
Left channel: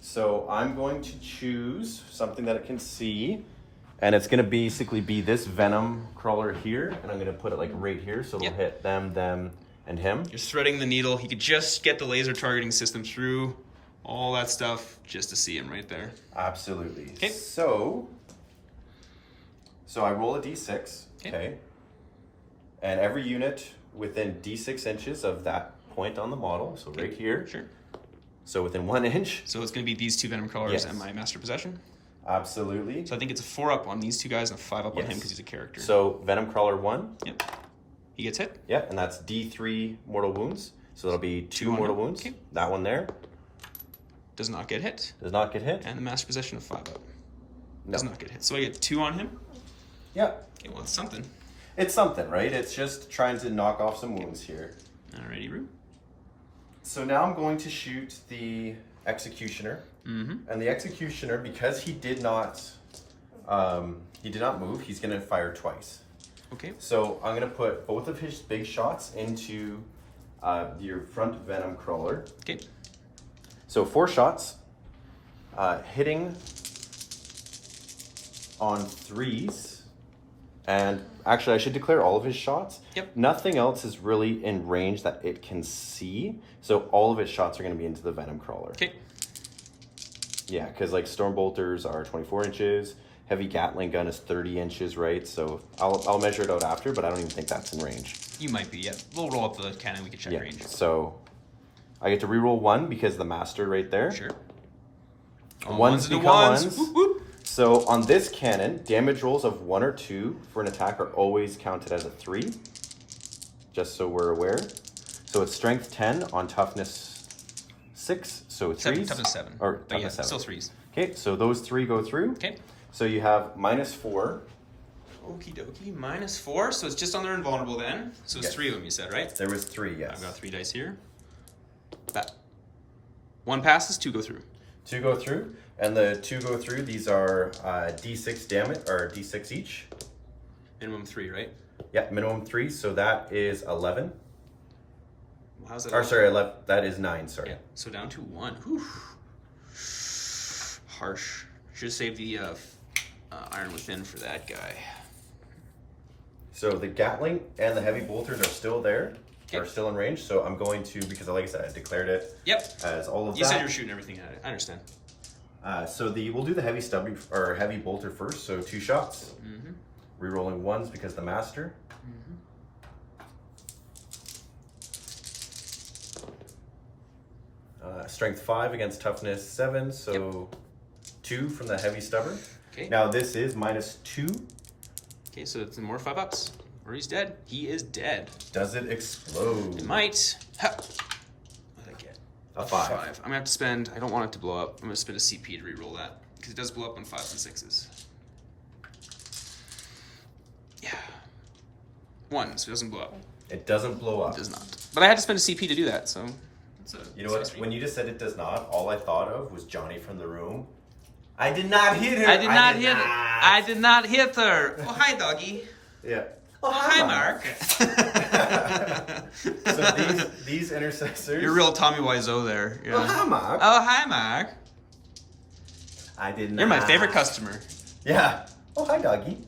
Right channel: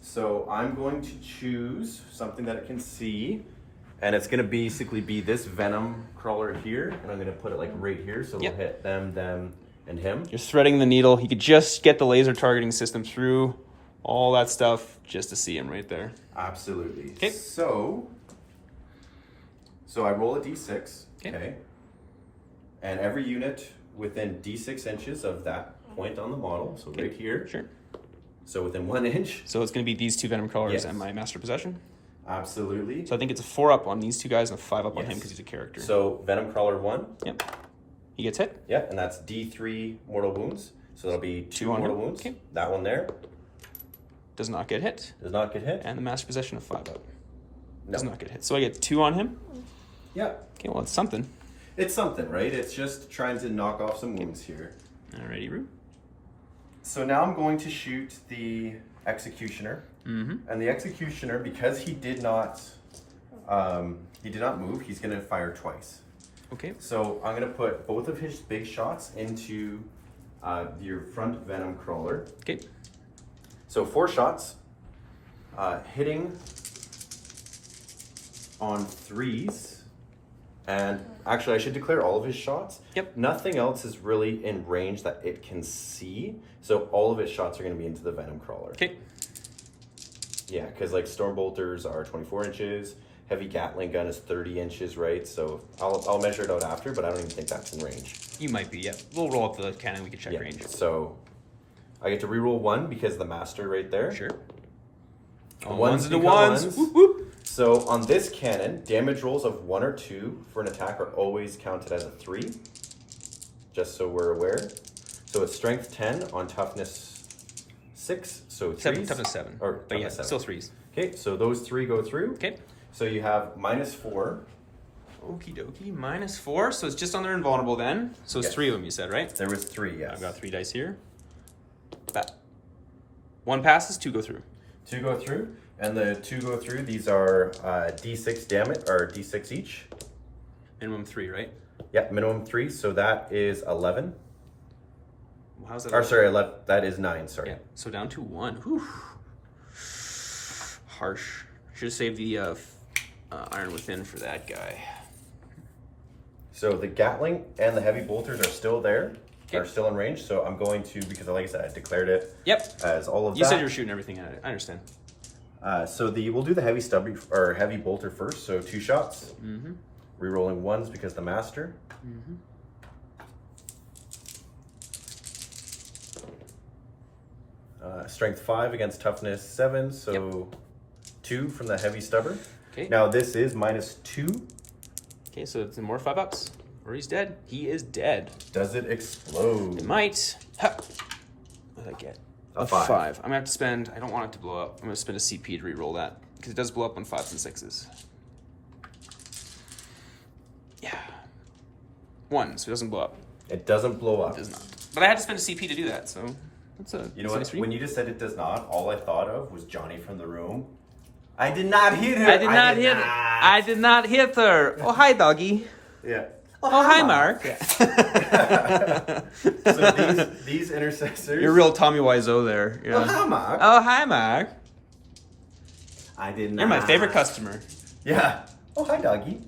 So I'm going to choose something that it can see, and it's gonna basically be this Venom Crawler here, and I'm gonna put it like right here, so it'll hit them, and him. You're threading the needle. He could just get the laser targeting system through all that stuff just to see him right there. Absolutely. Okay. So I roll a d6. Okay. And every unit within d6 inches of that point on the model, so right here. Sure. So within 1 inch. So it's going to be these 2 Venom Crawlers Yes. and my Master Possession. Absolutely. So I think it's a 4 up on these 2 guys and a 5 up on him because he's a character. So Venom Crawler 1. Yep. He gets hit. Yeah, and that's D3 mortal wounds. So that'll be 2 on mortal him. wounds. Okay. That one there Does not get hit. does not get hit. And the Master Possession of 5 up. Does No. not get hit. So I get 2 on him. Yeah. Okay, well, it's something. It's something, right? It's just trying to knock off some wounds here. Alrighty, Roo. So now I'm going to shoot the Executioner. Mm-hmm. And the Executioner, because he did not move, he's going to fire twice. Okay. So I'm going to put both of his big shots into your front Venom Crawler. Okay. So 4 shots, hitting on 3s. And actually, I should declare all of his shots. Yep. Nothing else is really in range that it can see. So all of his shots are going to be into the Venom Crawler. Okay. Yeah, because like storm bolters are 24 inches. Heavy Gatling gun is 30 inches, right? So I'll measure it out after, but I don't even think that's in range. You might be, yeah. We'll roll up the cannon, we can check Yeah, range. so I get to reroll 1 because the master right there. Sure. Ones into ones. Whoop, whoop. So on this cannon, damage rolls of 1 or 2 for an attack are always counted as a 3, just so we're aware. So it's strength 10 on toughness 6, so 3s. Toughness 7. Or but yeah, seven. still 3s. Okay, so those 3 go through. Okay. So you have -4. Okie dokie. -4, so it's just on their invulnerable then. So it's Yes. 3 of them, you said, right? There was 3, yes. I've got 3 dice here. That. 1 passes, 2 go through. 2 go through, and the 2 go through. These are D6 damage, or D6 each. Minimum 3, right? Yeah, minimum 3, so that is 11. How's that? Or sorry, 11, that is 9, sorry. Yeah, so down to 1. Whew. Harsh. Should have saved the Iron Within for that guy. So the Gatling and the heavy bolters are still there, Okay. are still in range. So I'm going to, because like I said, I declared it Yep. as all of You that. said you were shooting everything at it. I understand. So we'll do the heavy stubby or heavy bolter first. So 2 shots. Mm-hmm. Rerolling 1s because the master. Mm-hmm. Strength 5 against toughness 7. So 2 from the heavy stubber. Okay. Now this is -2. Okay, so it's more 5-ups. Or he's dead. He is dead. Does it explode? It might. Ha. What did I get? A 5. I'm gonna have to spend. I don't want it to blow up. I'm gonna spend a CP to re-roll that because it does blow up on 5s and 6s. Yeah. 1, so it doesn't blow up. It doesn't blow up. It does not. But I had to spend a CP to do that, so that's a. You know what? When you just said it does not, all I thought of was Johnny from the room. I did not hit her. I did not hit her. I did not hit her. Oh, hi, doggy. Yeah. Oh, hi, Mark. So these intercessors. You're real Tommy Wiseau there. Yeah. Oh, hi, Mark. Oh, hi, Mark. I did not. You're my favorite customer. Yeah. Oh, hi, doggy.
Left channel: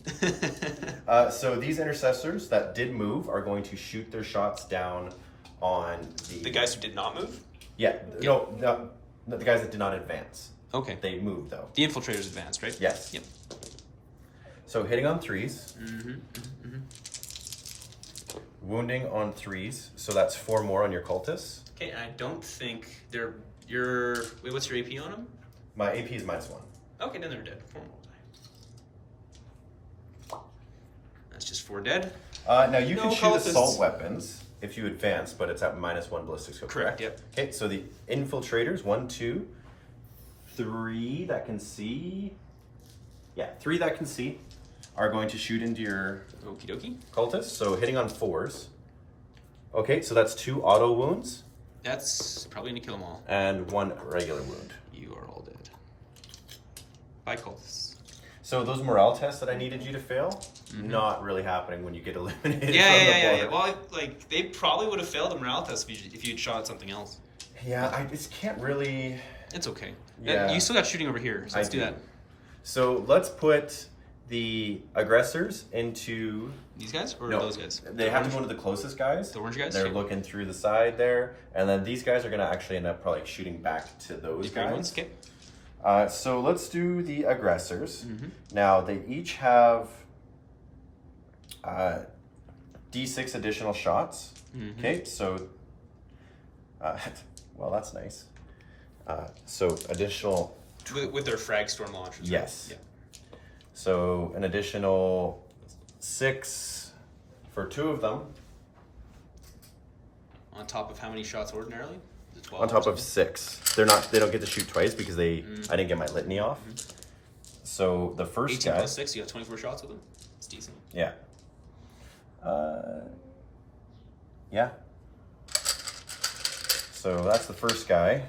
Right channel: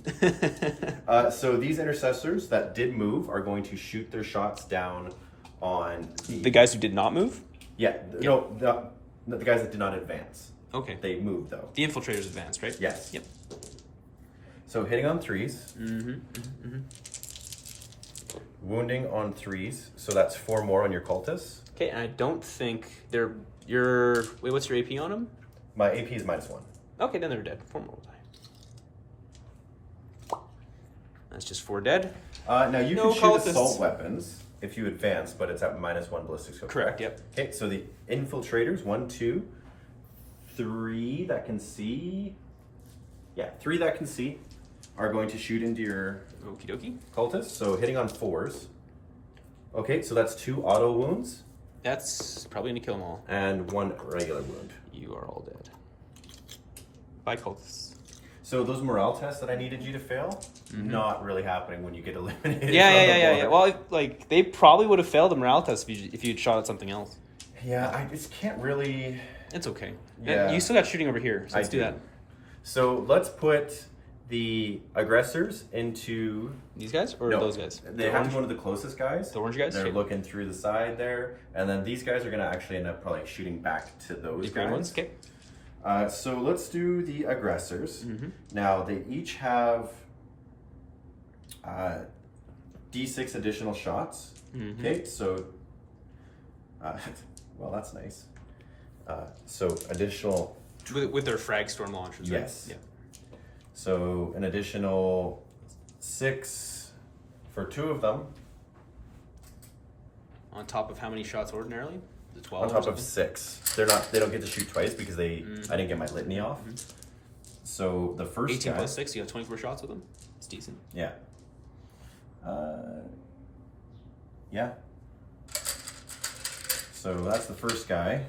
So these intercessors that did move are going to shoot their shots down on The guys who did not move? Yeah. No, the guys that did not advance. Okay. They moved though. The infiltrators advanced, right? Yes. Yep. So hitting on 3s. Mm-hmm. Mm-hmm. Wounding on 3s. So that's 4 more on your cultists. Okay, and I don't think they're wait, what's your AP on them? My AP is -1. Okay, then they're dead. 4 more will die. That's just 4 dead. Now you No can shoot cultists. assault weapons if you advance, but it's at -1 ballistic skill. Correct, yep. Okay, so the infiltrators, 1, 2, 3 that can see. Yeah, 3 that can see are going to shoot into your Okie dokie. cultists. So hitting on 4s. Okay, so that's 2 auto wounds That's probably going to kill them all. and 1 regular wound. You are all dead. Bye, cultists. So those morale tests that I needed you to fail, not really happening when you get eliminated. Yeah, from the yeah. border. Well, like, they probably would have failed the morale test if you'd shot at something else. Yeah, I just can't really. It's okay. Yeah. You still got shooting over here, so let's do that. So let's put the aggressors into. These guys or No, those guys? They have to go into the closest guys. The orange guys? They're Sure. looking through the side there, and then these guys are going to actually end up probably shooting back to those The guys. green ones? Okay. So let's do the aggressors. Mm-hmm. Now they each have D6 additional shots. Mm-hmm. Okay, so well that's nice. So additional. With their frag storm launchers, Yes. right? So an additional 6 for 2 of them. Yeah. On top of how many shots ordinarily? The 12. On or top of something? 6. They don't get to shoot twice because I didn't get my litany off. So the first 18 guy, plus 6, you got 24 shots with them? It's decent. yeah. Yeah. So that's the first guy.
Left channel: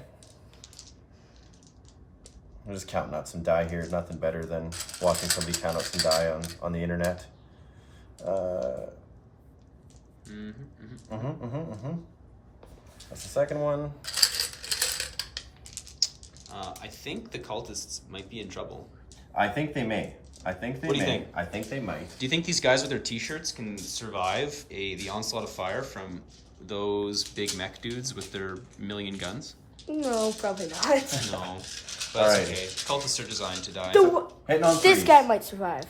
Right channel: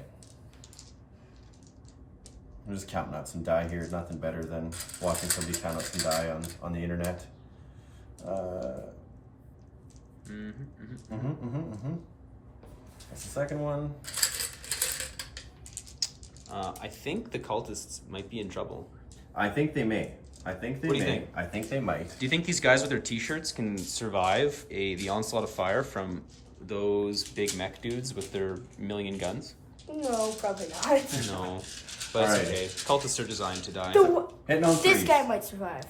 I'm just counting out some die here. Nothing better than watching somebody count out some die on the internet. That's the second one. I think the cultists might be in trouble. I think they may. I think they What do you may. think? I think they might. Do you think these guys with their t-shirts can survive the onslaught of fire from those big mech dudes with their million guns? No, probably not. No. But that's Alrighty. okay. Cultists are designed to die. Hitting on This threes. guy might survive.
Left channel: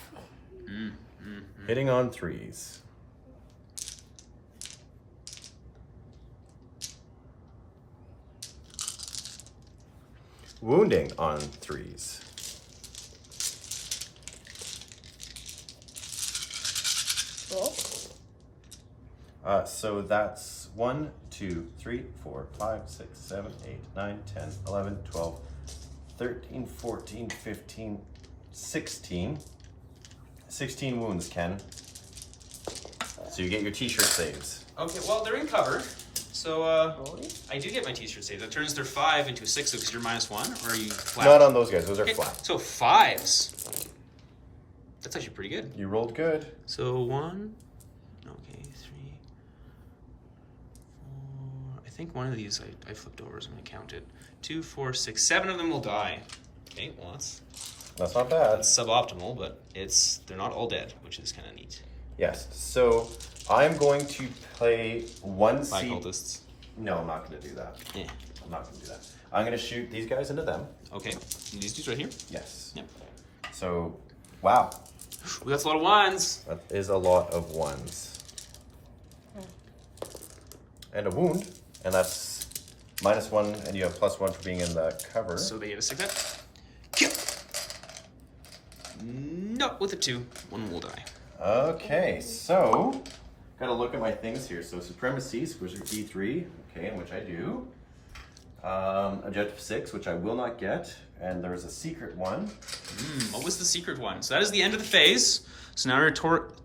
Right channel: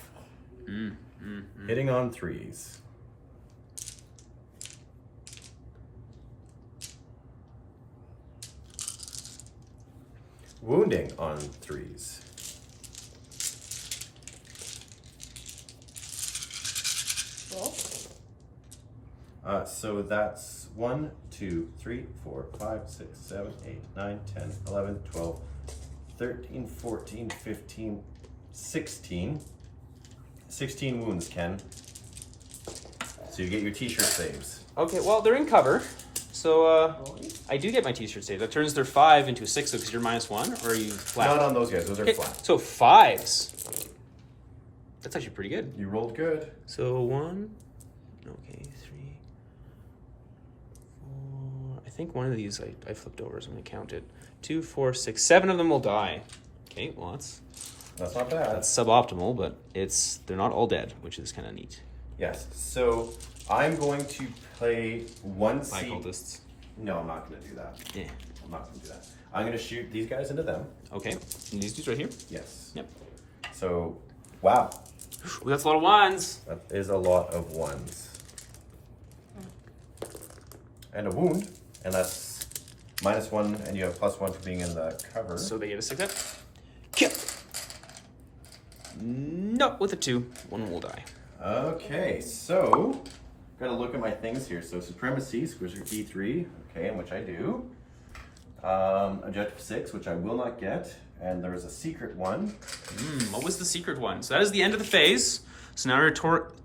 Hitting on threes. Wounding on threes. So that's 1, 2, 3, 4, 5, 6, 7, 8, 9, 10, 11, 12, 13, 14, 15, 16. 16 wounds, Ken. So you get your t-shirt saves. Okay, well, they're in cover. So I do get my t-shirt save. That turns their 5 into a 6 because you're -1, or are you flat? Not on those guys, those are Okay, flat. so 5s. That's actually pretty good. You rolled good. So 1, okay, 3, 4. I think one of these I flipped over, so I'm gonna count it. 2, 4, 6, 7 of them will die. Okay, well that's not bad. that's suboptimal, but they're not all dead, which is kind of neat. Yes, so I'm going to play one By seed. cultists. No, I'm not going to do that. Yeah. I'm not going to do that. I'm going to shoot these guys into them. Okay. And these dudes right here. Yes. Yep. So, wow. Ooh, that's a lot of ones. That is a lot of ones. And a wound, and that's -1, and you have +1 for being in the cover. So they get a 6 hit. Kill. No, with a 2, one will die. Okay, so got to look at my things here. So supremacy, squish D3, okay, in which I do. Objective 6, which I will not get, and there is a secret one. What was the secret one? So that is the end of the phase. So now you're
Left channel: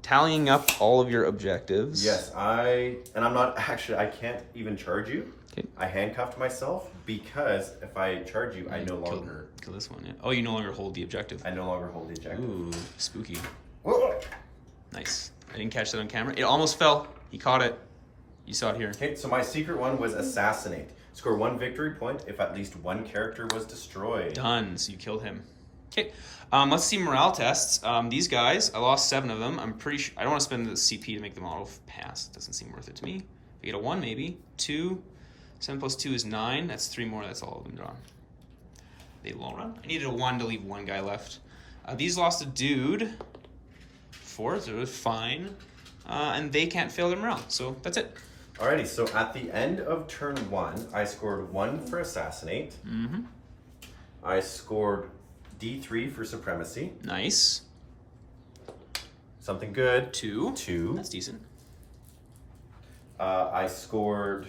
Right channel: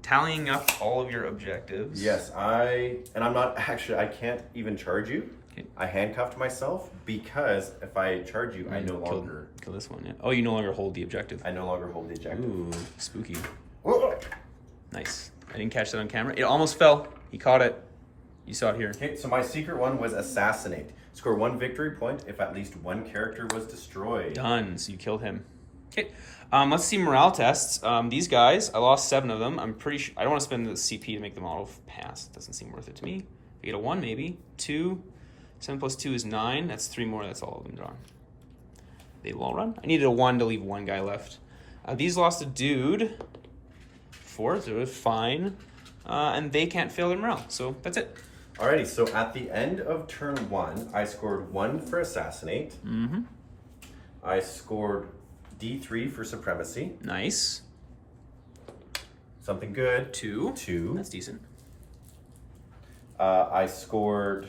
tallying up all of your objectives. Yes, I'm not actually. I can't even charge you. Okay. I handcuffed myself because if I charge you, I no longer. Kill this one. Yeah. Oh, you no longer hold the objective. I no longer hold the objective. Ooh, spooky. Whoa. Nice. I didn't catch that on camera. It almost fell. He caught it. You saw it here. Okay, so my secret one was assassinate. Score 1 victory point if at least one character was destroyed. Done. So you killed him. Okay. Let's see morale tests. These guys, I lost 7 of them. I'm pretty sure I don't want to spend the CP to make them auto pass. Doesn't seem worth it to me. If I get a 1, maybe 2. 7 plus 2 is 9. That's 3 more. That's all of them drawn. They will all run. I needed a 1 to leave 1 guy left. These lost a dude. 4, so it's fine. And they can't fail their morale. So that's it. Alrighty, so at the end of turn 1, I scored 1 for assassinate. Mm-hmm. I scored D3 for supremacy. Nice. Something good. 2. 2. That's decent. I scored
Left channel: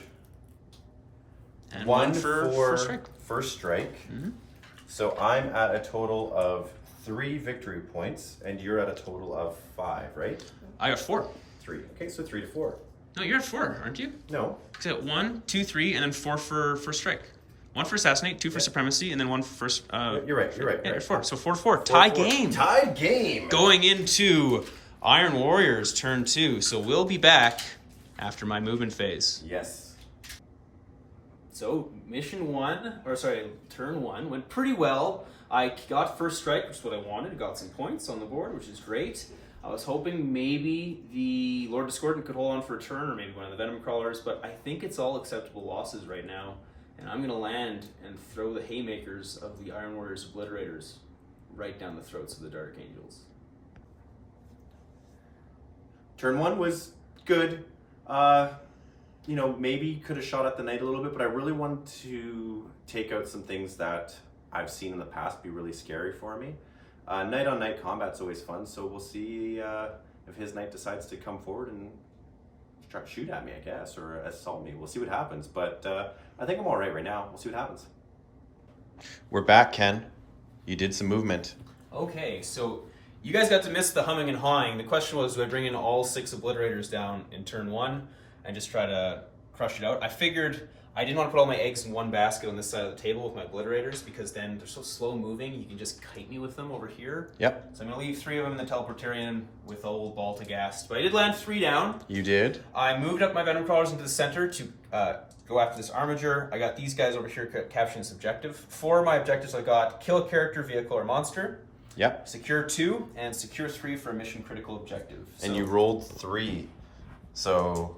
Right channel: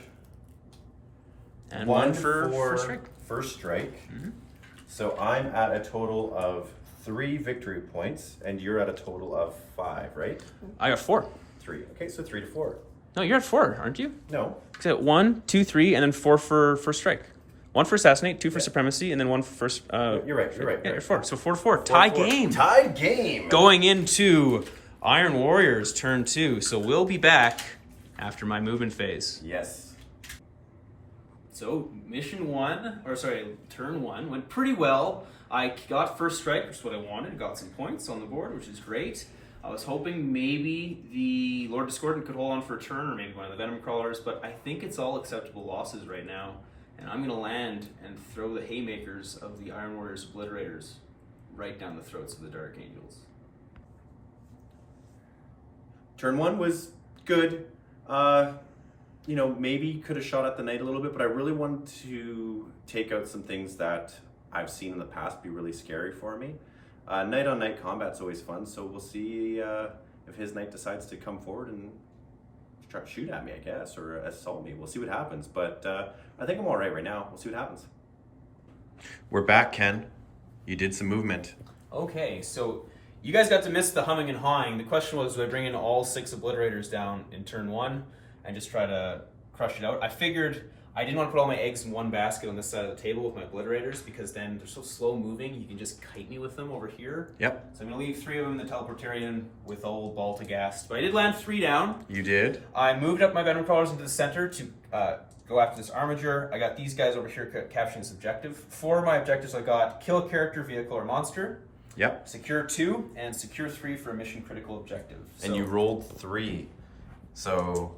And 1 for first strike. First strike. Mm-hmm. So I'm at a total of 3 victory points, and you're at a total of 5, right? I got 4. 3. Okay, so 3 to 4. No, you're at 4, aren't you? No. Because at 1, 2, 3, and then 4 for first strike. 1 for assassinate, 2 for Yeah. supremacy, and then 1 for first. You're right. Yeah, you're 4. So 4 to 4. Tie 4. game. Tied game. Going into Iron Warriors turn 2. So we'll be back after my movement phase. Yes. So turn 1 went pretty well. I got first strike, which is what I wanted. Got some points on the board, which is great. I was hoping maybe the Lord Discordant could hold on for a turn, or maybe one of the Venom Crawlers, but I think it's all acceptable losses right now. And I'm going to land and throw the haymakers of the Iron Warriors Obliterators right down the throats of the Dark Angels. Turn 1 was good. Maybe could have shot at the knight a little bit, but I really wanted to take out some things that I've seen in the past be really scary for me. Knight on knight combat's always fun, so we'll see if his knight decides to come forward and try to shoot at me, I guess, or assault me. We'll see what happens, but I think I'm all right now. We'll see what happens. We're back, Ken. You did some movement. Okay, so you guys got to miss the humming and hawing. The question was, do I bring in all 6 Obliterators down in turn 1 and just try to crush it out? I figured I didn't want to put all my eggs in one basket on this side of the table with my Obliterators, because then they're so slow moving, you can just kite me with them over here. Yep. So I'm going to leave 3 of them in the Teleportarian with old Baltagast. But I did land 3 down. You did? I moved up my Venom Crawlers into the center to go after this Armiger. I got these guys over here capturing this objective. 4 of my objectives I got: kill a character, vehicle, or monster. Yep. Secure 2, and secure 3 for a mission critical objective. And you rolled 3. So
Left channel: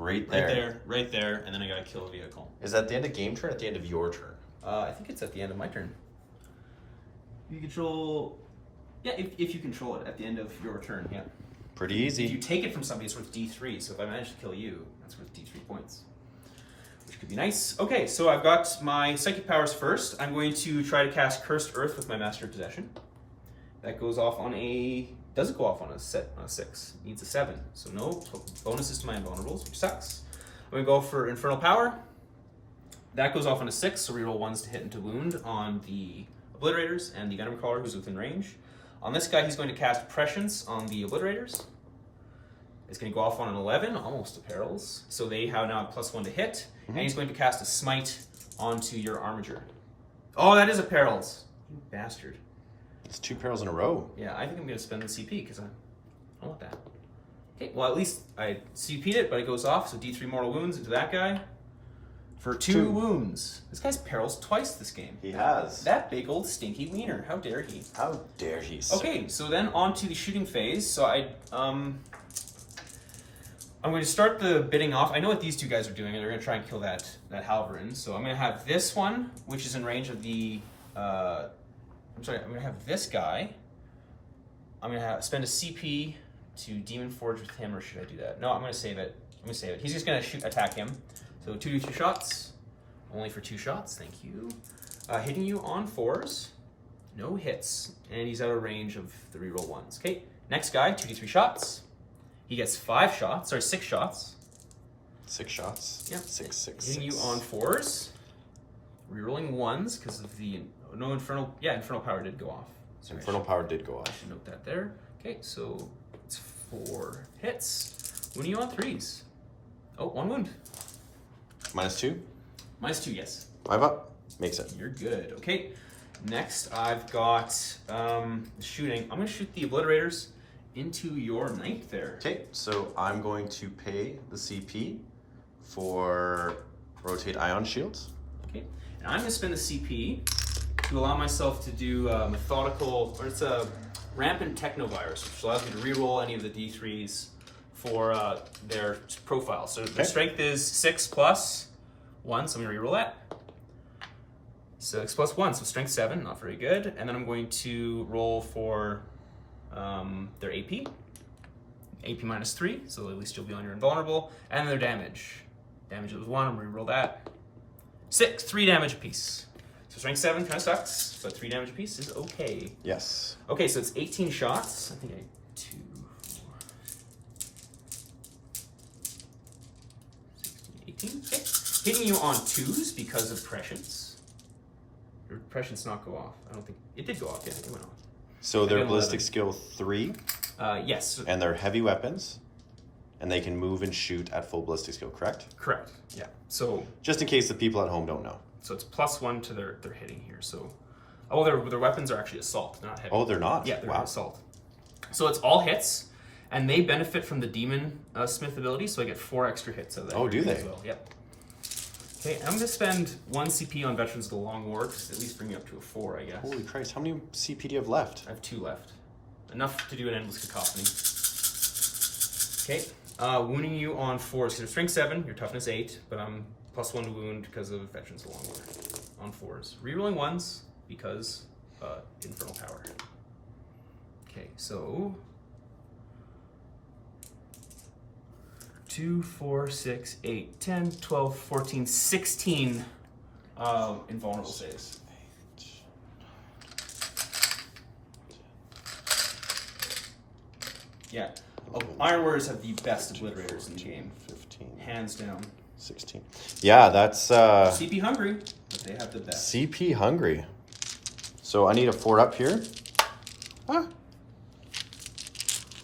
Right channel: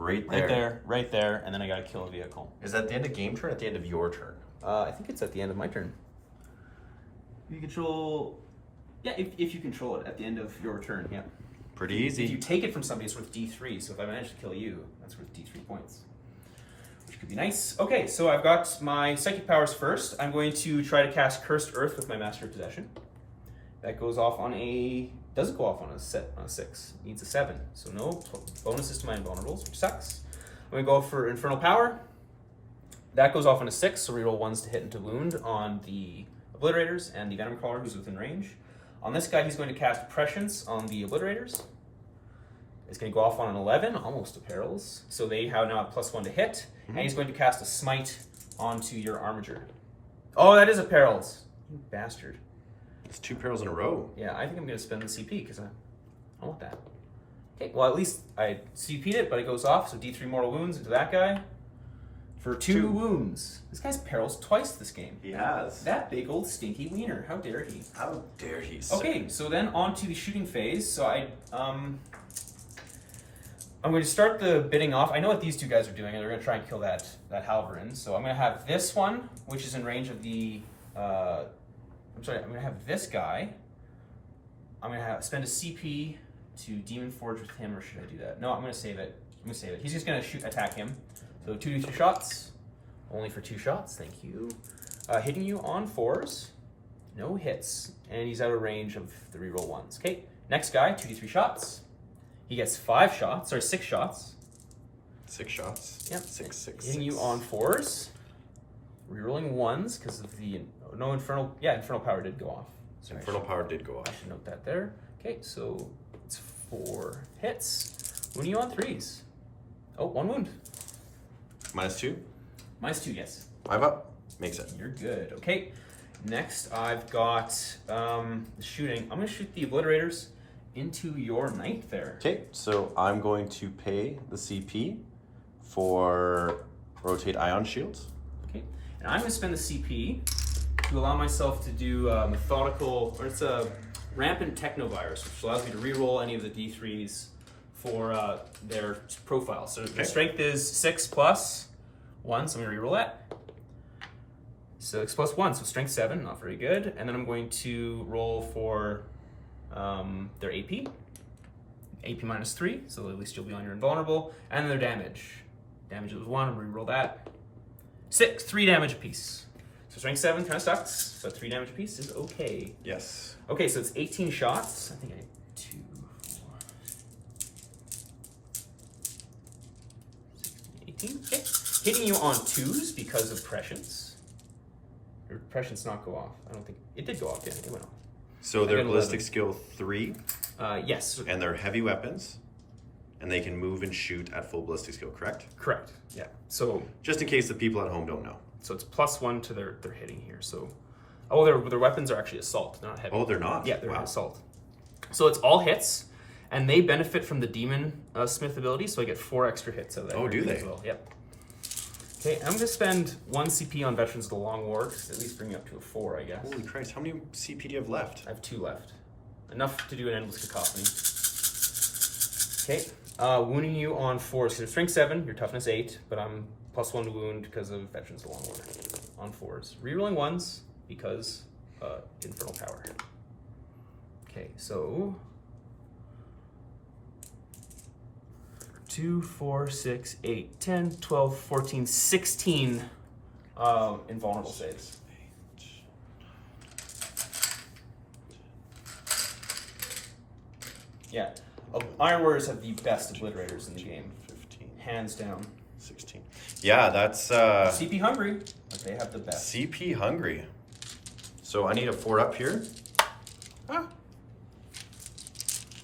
Right Right there. there, right there, and then I gotta kill a vehicle. Is that the end of game turn or at the end of your turn? I think it's at the end of my turn. You control... Yeah, if you control it at the end of your turn, yeah. Pretty easy. If you take it from somebody, it's worth D3, so if I manage to kill you, that's worth D3 points. Which could be nice. Okay, so I've got my Psychic powers first. I'm going to try to cast Cursed Earth with my Master of Possession. That goes off on a... Doesn't go off on a 6. Needs a 7. So no bonuses to my invulnerables, which sucks. I'm going to go for Infernal Power. That goes off on a 6, so reroll 1s to hit and to wound on the Obliterators and the Venom Crawler, who's within range. On this guy, he's going to cast Prescience on the Obliterators. It's going to go off on an 11, almost to perils. So they have now a +1 to hit. And he's going to cast a Smite onto your Armiger. Oh, that is a perils. You bastard. It's 2 perils in a row. Yeah, I think I'm going to spend the CP because I want that. Okay, well, at least I CP'd it, but it goes off. So D3 mortal wounds into that guy for 2 wounds. This guy's perils twice this game. He has. That big old stinky wiener. How dare he? How dare he? Sir. Okay, so then on to the shooting phase. So I'm going to start the bidding off. I know what these two guys are doing, and they're going to try and kill that Halverin. So I'm going to have this one, which is in range of the... I'm going to have this guy. I'm going to spend a CP to Demon Forge with him, or should I do that? No, I'm going to save it. He's just going to attack him. So 2d3 shots. Only for 2 shots, thank you. Hitting you on 4s. No hits. And he's out of range of the reroll 1s. Okay, next guy, 2d3 shots. He gets 6 shots. 6 shots. Yep. 6. Hitting you on 4s. Rerolling 1s because of the Infernal Power did go off. So Infernal Power did go off. I should note that there. Okay, so it's 4 hits. Wounding you on 3s. Oh, 1 wound. -2. -2, yes. 5 up. Makes it. You're good. Okay. Next, I've got shooting. I'm going to shoot the Obliterators into your knight there. Okay, so I'm going to pay the CP for rotate ion shields. Okay, and I'm going to spend the CP to allow myself to do it's a rampant technovirus, which allows me to reroll any of the D3s for their profile. So the strength is 6 plus 1, so I'm going to reroll that. 6 plus 1, so strength 7, not very good. And then I'm going to roll for their AP. AP -3, so at least you'll be on your invulnerable. And their damage. Damage was 1, I'm going to reroll that. 3 damage apiece. So strength 7 kind of sucks, but 3 damage apiece is okay. Yes. Okay, so it's 18 shots. I think I need 2, 4, 16, 18. Okay. Hitting you on 2s because of prescience. Or prescience not go off. I don't think it did go off. Yeah, it went off. So they're ballistic skill 3. Yes. And they're heavy weapons. And they can move and shoot at full ballistic skill, correct? Correct. Yeah. So just in case the people at home don't know. So it's +1 to their hitting here. So their weapons are actually assault, not heavy. Oh, they're not? Yeah, they're assault. So it's all hits, and they benefit from the Demon Smith ability, so I get 4 extra hits out of that. Oh, do they? As well. Yep. Okay, I'm going to spend 1 CP on Veterans of the Long War, to at least bring me up to a 4, I guess. Holy Christ, how many CP do you have left? I have 2 left. Enough to do an endless cacophony. Okay, wounding you on 4s. So strength 7, your toughness 8, but I'm +1 to wound because of Veterans of the Long War on 4s. Rerolling 1s because Infernal Power. Okay, so 2, 4, 6, 8, 10, 12, 14, 16 invulnerable saves. Yeah, Iron Warriors have the best obliterators in the game. 15. Hands down. 16. Yeah, that's... CP hungry, but they have the best. CP hungry. So I need a 4 up here. Huh?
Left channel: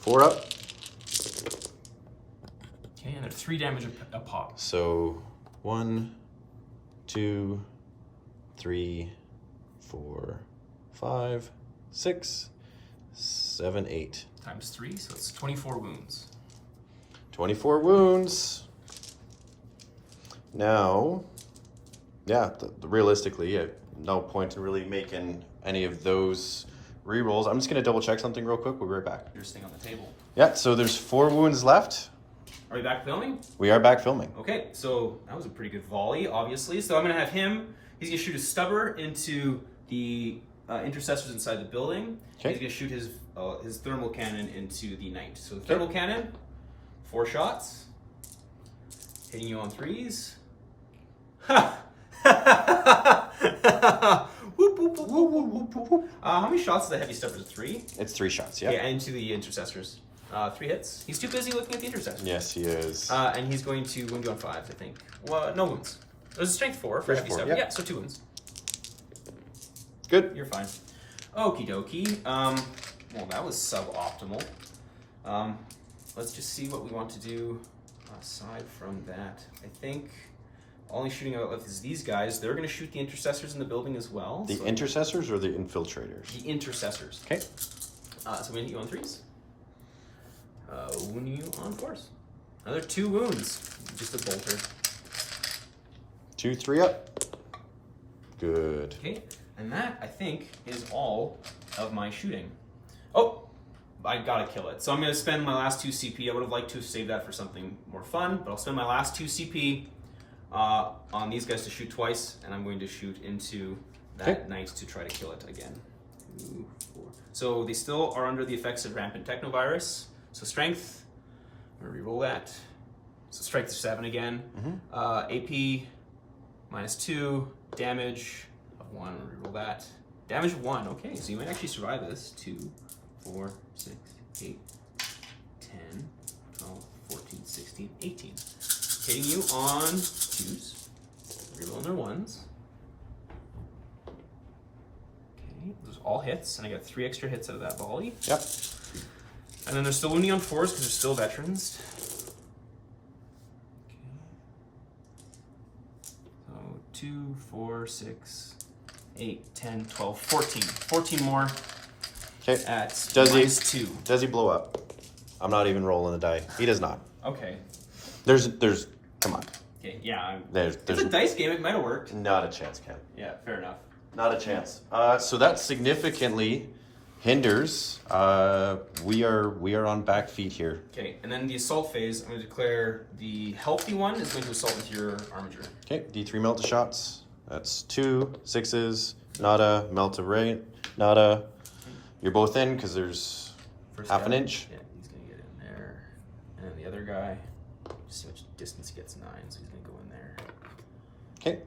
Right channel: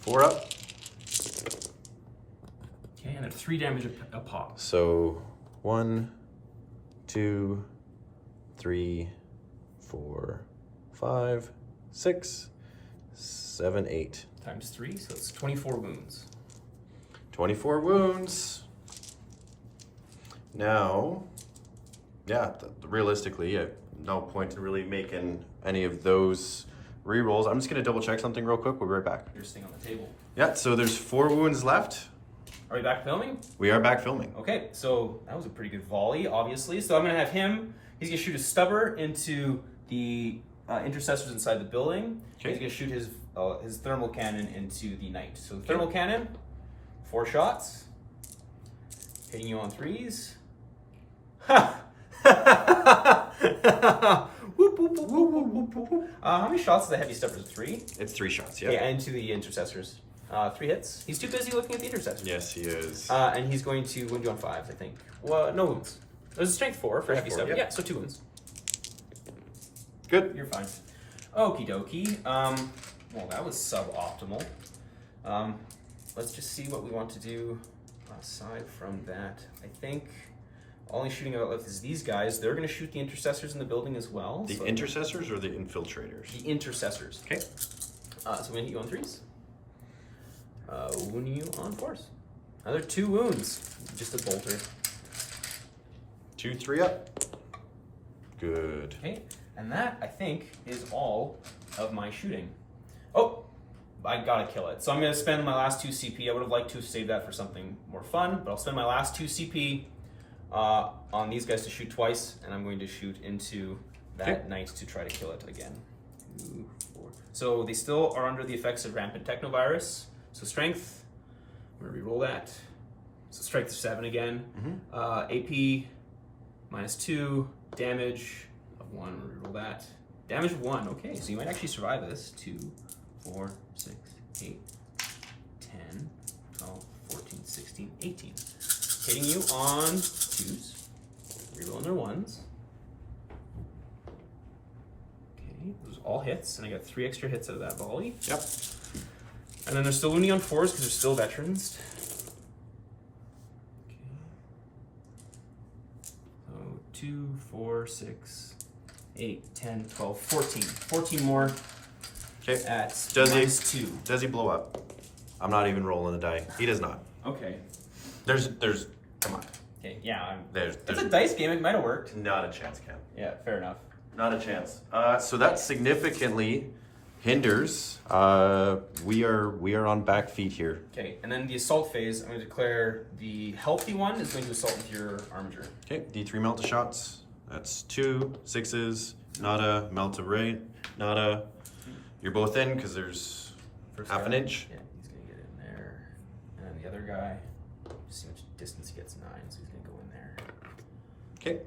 4 up. Okay, and they're 3 damage a pop. So 1, 2, 3, 4, 5, 6, 7, 8. Times 3, so it's 24 wounds. 24 wounds. Now, yeah, realistically, I have no point in really making any of those rerolls. I'm just going to double check something real quick. We'll be right back. There's thing on the table. Yeah, so there's 4 wounds left. Are we back filming? We are back filming. Okay, so that was a pretty good volley, obviously. So I'm gonna have him, he's gonna shoot his stubber into the intercessors inside the building. Okay. He's gonna shoot his thermal cannon into the knight. So thermal cannon, 4 shots. Hitting you on 3s. Ha! Whoop, whoop, whoop, whoop, whoop, whoop, whoop. How many shots is the heavy stubber? 3? It's 3 shots, yeah. Yeah, into the intercessors. 3 hits. He's too busy looking at the intercessors. Yes, he is. And he's going to wound you on 5s, I think. Well, no wounds. There's a strength 4 for heavy 4, stubber. yeah. Yeah, so 2 wounds. Good. You're fine. Okie dokie. Well, that was suboptimal. Let's just see what we want to do aside from that. I think only shooting out left is these guys. They're going to shoot the intercessors in the building as well. The intercessors or the infiltrators? The intercessors. Okay. So I'm going to hit you on 3s. Wound you on 4s. Another 2 wounds. Just a bolter. 2, 3 up. Good. Okay. And that, I think, is all of my shooting. Oh, I gotta kill it. So I'm gonna spend my last 2 CP. I would have liked to save that for something more fun, but I'll spend my last 2 CP on these guys to shoot twice, and I'm going to shoot into that knight to try to kill it again. 2, 4. So they still are under the effects of rampant technovirus. So strength, I'm gonna reroll that. So strength is 7 again. AP -2, damage of 1, I'm gonna reroll that. Damage of 1, okay, so you might actually survive this. 2, 4, 6, 8, 10, 12, 14, 16, 18. Hitting you on 2s, rerolling their 1s. Okay, those are all hits, and I got 3 extra hits out of that volley. Yep. And then they're still wounding on 4s because they're still veterans. Okay. So 2, 4, 6, 8, 10, 12, 14. 14 more. Okay. At Does -2. Does he blow up? I'm not even rolling the die. He does not. Okay. There's, come on. Okay, yeah. There's It's a dice game. It might have worked. not a chance, Cam. Yeah, fair enough. Not a chance. So that significantly hinders. We are on back feet here. Okay, and then the assault phase, I'm going to declare the healthy one is going to assault with your armature. Okay, D3 melt to shots. That's 2 6s. Nada, melt of rain. Nada. You're both in because there's First half guy, an inch. Yeah, he's going to get in there. And the other guy, just see how much distance he gets, 9, so he's going to go in there. Okay.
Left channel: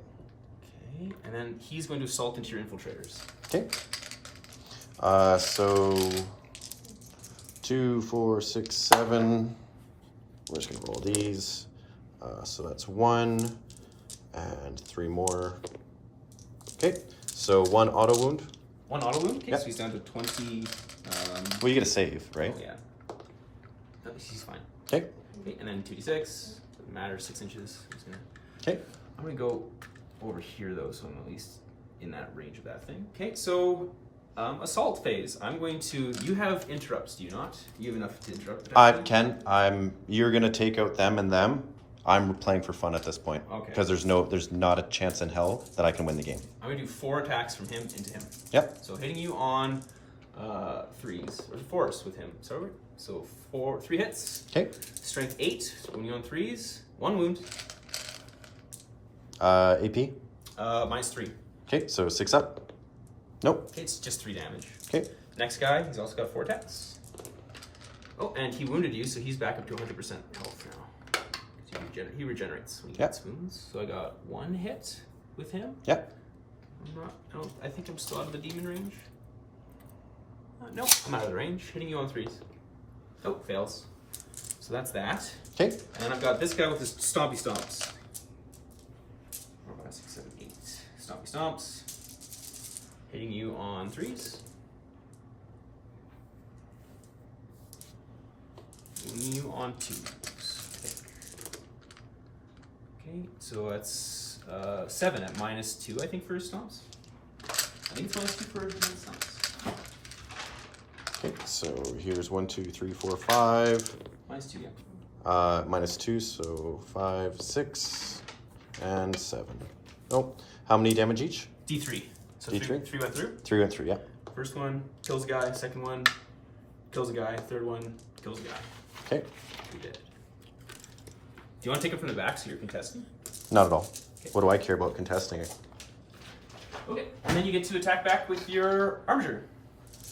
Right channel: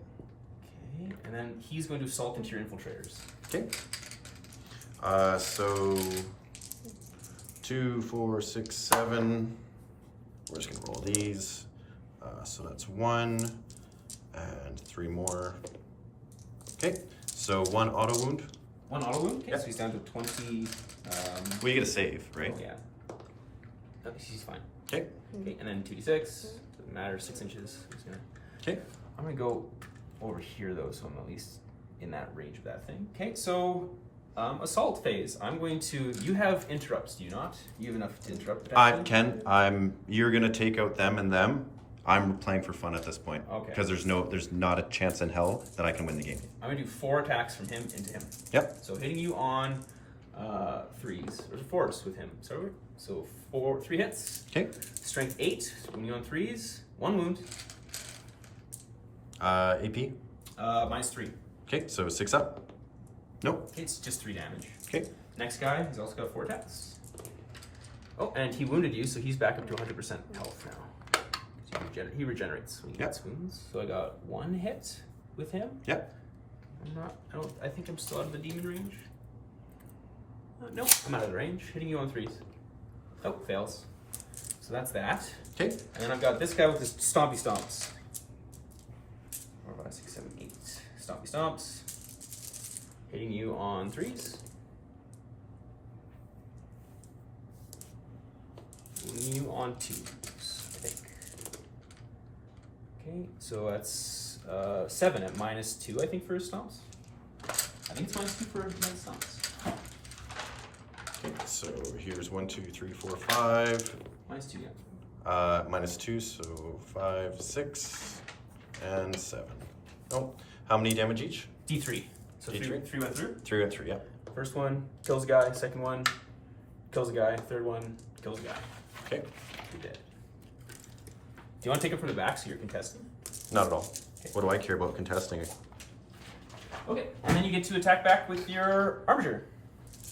Okay, and then he's going to assault into your infiltrators. Okay. So 2, 4, 6, 7. We're just gonna roll these. So that's 1 and 3 more. Okay. So 1 auto wound. 1 auto wound. Okay, Yep. so he's down to 20. Well, you get a save, right? Oh yeah. No, he's fine. Okay. Okay, and then 2d6. Doesn't matter. 6 inches. Okay. I'm gonna go over here though, so I'm at least in that range of that thing. Okay, so assault phase. I'm going to. You have interrupts, do you not? You have enough to interrupt. Ken, you're gonna take out them and them. I'm playing for fun at this point. Okay. Because there's not a chance in hell that I can win the game. I'm gonna do 4 attacks from him into him. Yep. So hitting you on 3s or 4s with him. Sorry. So 3 hits. Okay. Strength 8. Wounding on 3s. 1 wound. AP. -3. Okay, so 6 up. Nope. Okay, it's just 3 damage. Okay. Next guy, he's also got 4 attacks. Oh, and he wounded you, so he's back up to 100% health now. He regenerates when he gets wounds. So I got 1 hit with him. Yep. I think I'm still out of the demon range. No, I'm out of the range. Hitting you on 3s. Oh, fails. So that's that. Okay. And then I've got this guy with his stompy stomps. 4, 5, 6, 7, 8. Stompy stomps. Hitting you on 3s. Hitting you on 2s, I think. Okay, so that's 7 at -2, I think, for his stomps. I think it's -2 for his stomps. Okay, so here's 1, 2, 3, 4, 5. -2, yeah. -2, so 5, 6, and 7. Oh, how many damage each? D3. So D3? 3 went through. 3 went through, yeah. First one kills a guy. Second one kills a guy. Third one kills a guy. Okay. 3 dead. you want to take it from the back so you're contesting? Not at all. What do I care about contesting it? Okay, and then you get to attack back with your Armiger.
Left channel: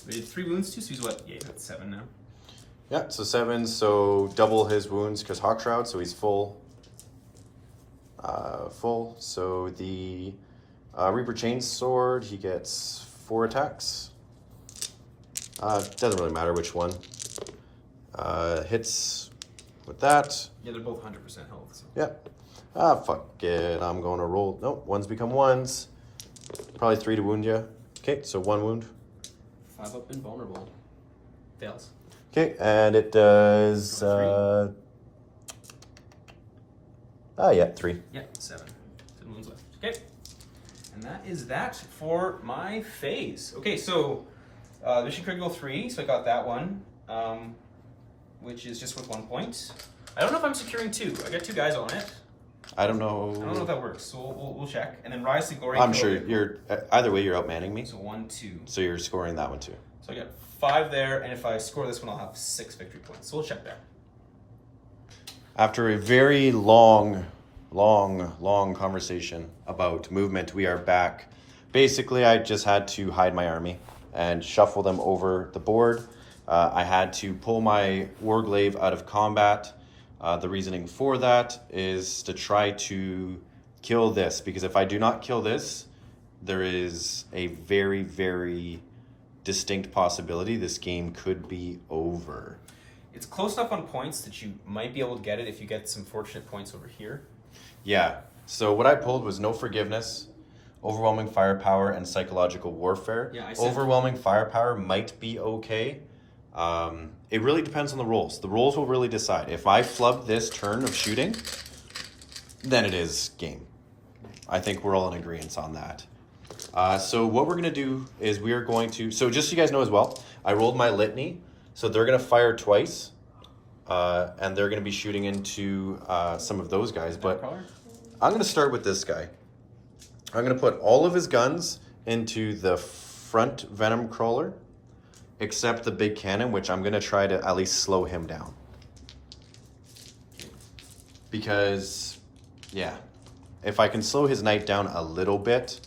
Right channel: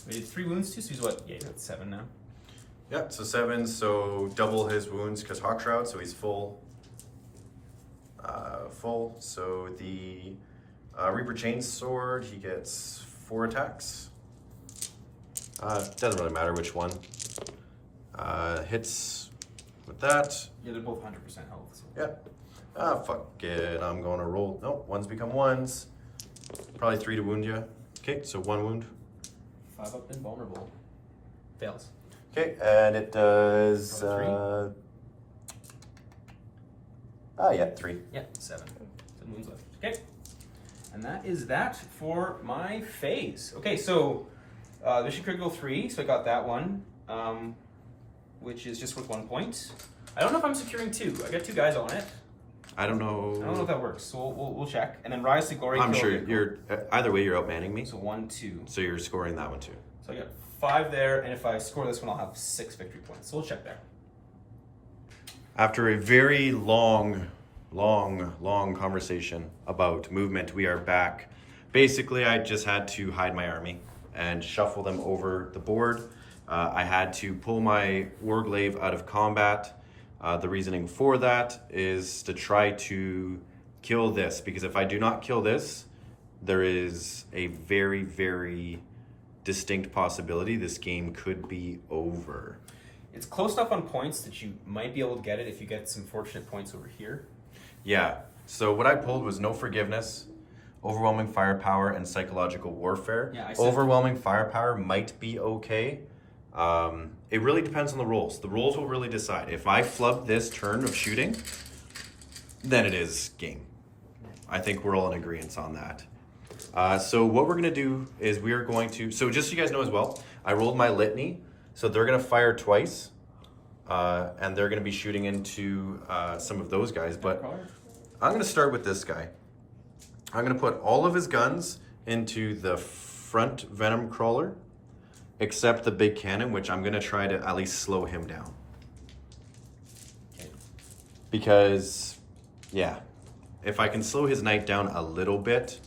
We did 3 wounds too, so he's what? Yeah, that's 7 now. Yeah, so 7, so double his wounds because Hawk Shroud, so he's full. So the Reaper Chainsword, he gets 4 attacks. Doesn't really matter which one. Hits with that. Yeah, they're both 100% health. So. Yeah. Fuck it. I'm going to roll. Nope, ones become ones. Probably 3 to wound you. Okay, so 1 wound. 5 up invulnerable. Fails. Okay, and it does. 3. Yeah, 7. 7 wounds left. Okay. And that is that for my phase. Okay, so mission critical 3, so I got that one, which is just worth 1 point. I don't know if I'm securing 2. I got 2 guys on it. I don't know. I don't know if that works, so we'll check. And then Rise to Glory. I'm sure you're. Either way, you're outmanning me. So 1, 2. So you're scoring that one too. So I got 5 there, and if I score this one, I'll have 6 victory points. So we'll check there. After a very long conversation about movement, we are back. Basically, I just had to hide my army and shuffle them over the board. I had to pull my Warglaive out of combat. The reasoning for that is to try to kill this, because if I do not kill this, there is a very, very distinct possibility this game could be over. It's close enough on points that you might be able to get it if you get some fortunate points over here. Yeah, so what I pulled was No Forgiveness, Overwhelming Firepower, and Psychological Warfare. Yeah, I said Overwhelming Firepower might be okay. It really depends on the rolls. The rolls will really decide. If I flub this turn of shooting, then it is game. I think we're all in agreement on that. So what we're going to do is we are going to... So just so you guys know as well, I rolled my litany. So they're going to fire twice. And they're going to be shooting into some of those guys. But I'm going to start with this guy. I'm going to put all of his guns into the front Venom Crawler, except the big cannon, which I'm going to try to at least slow him down. Because, yeah, if I can slow his knight down a little bit,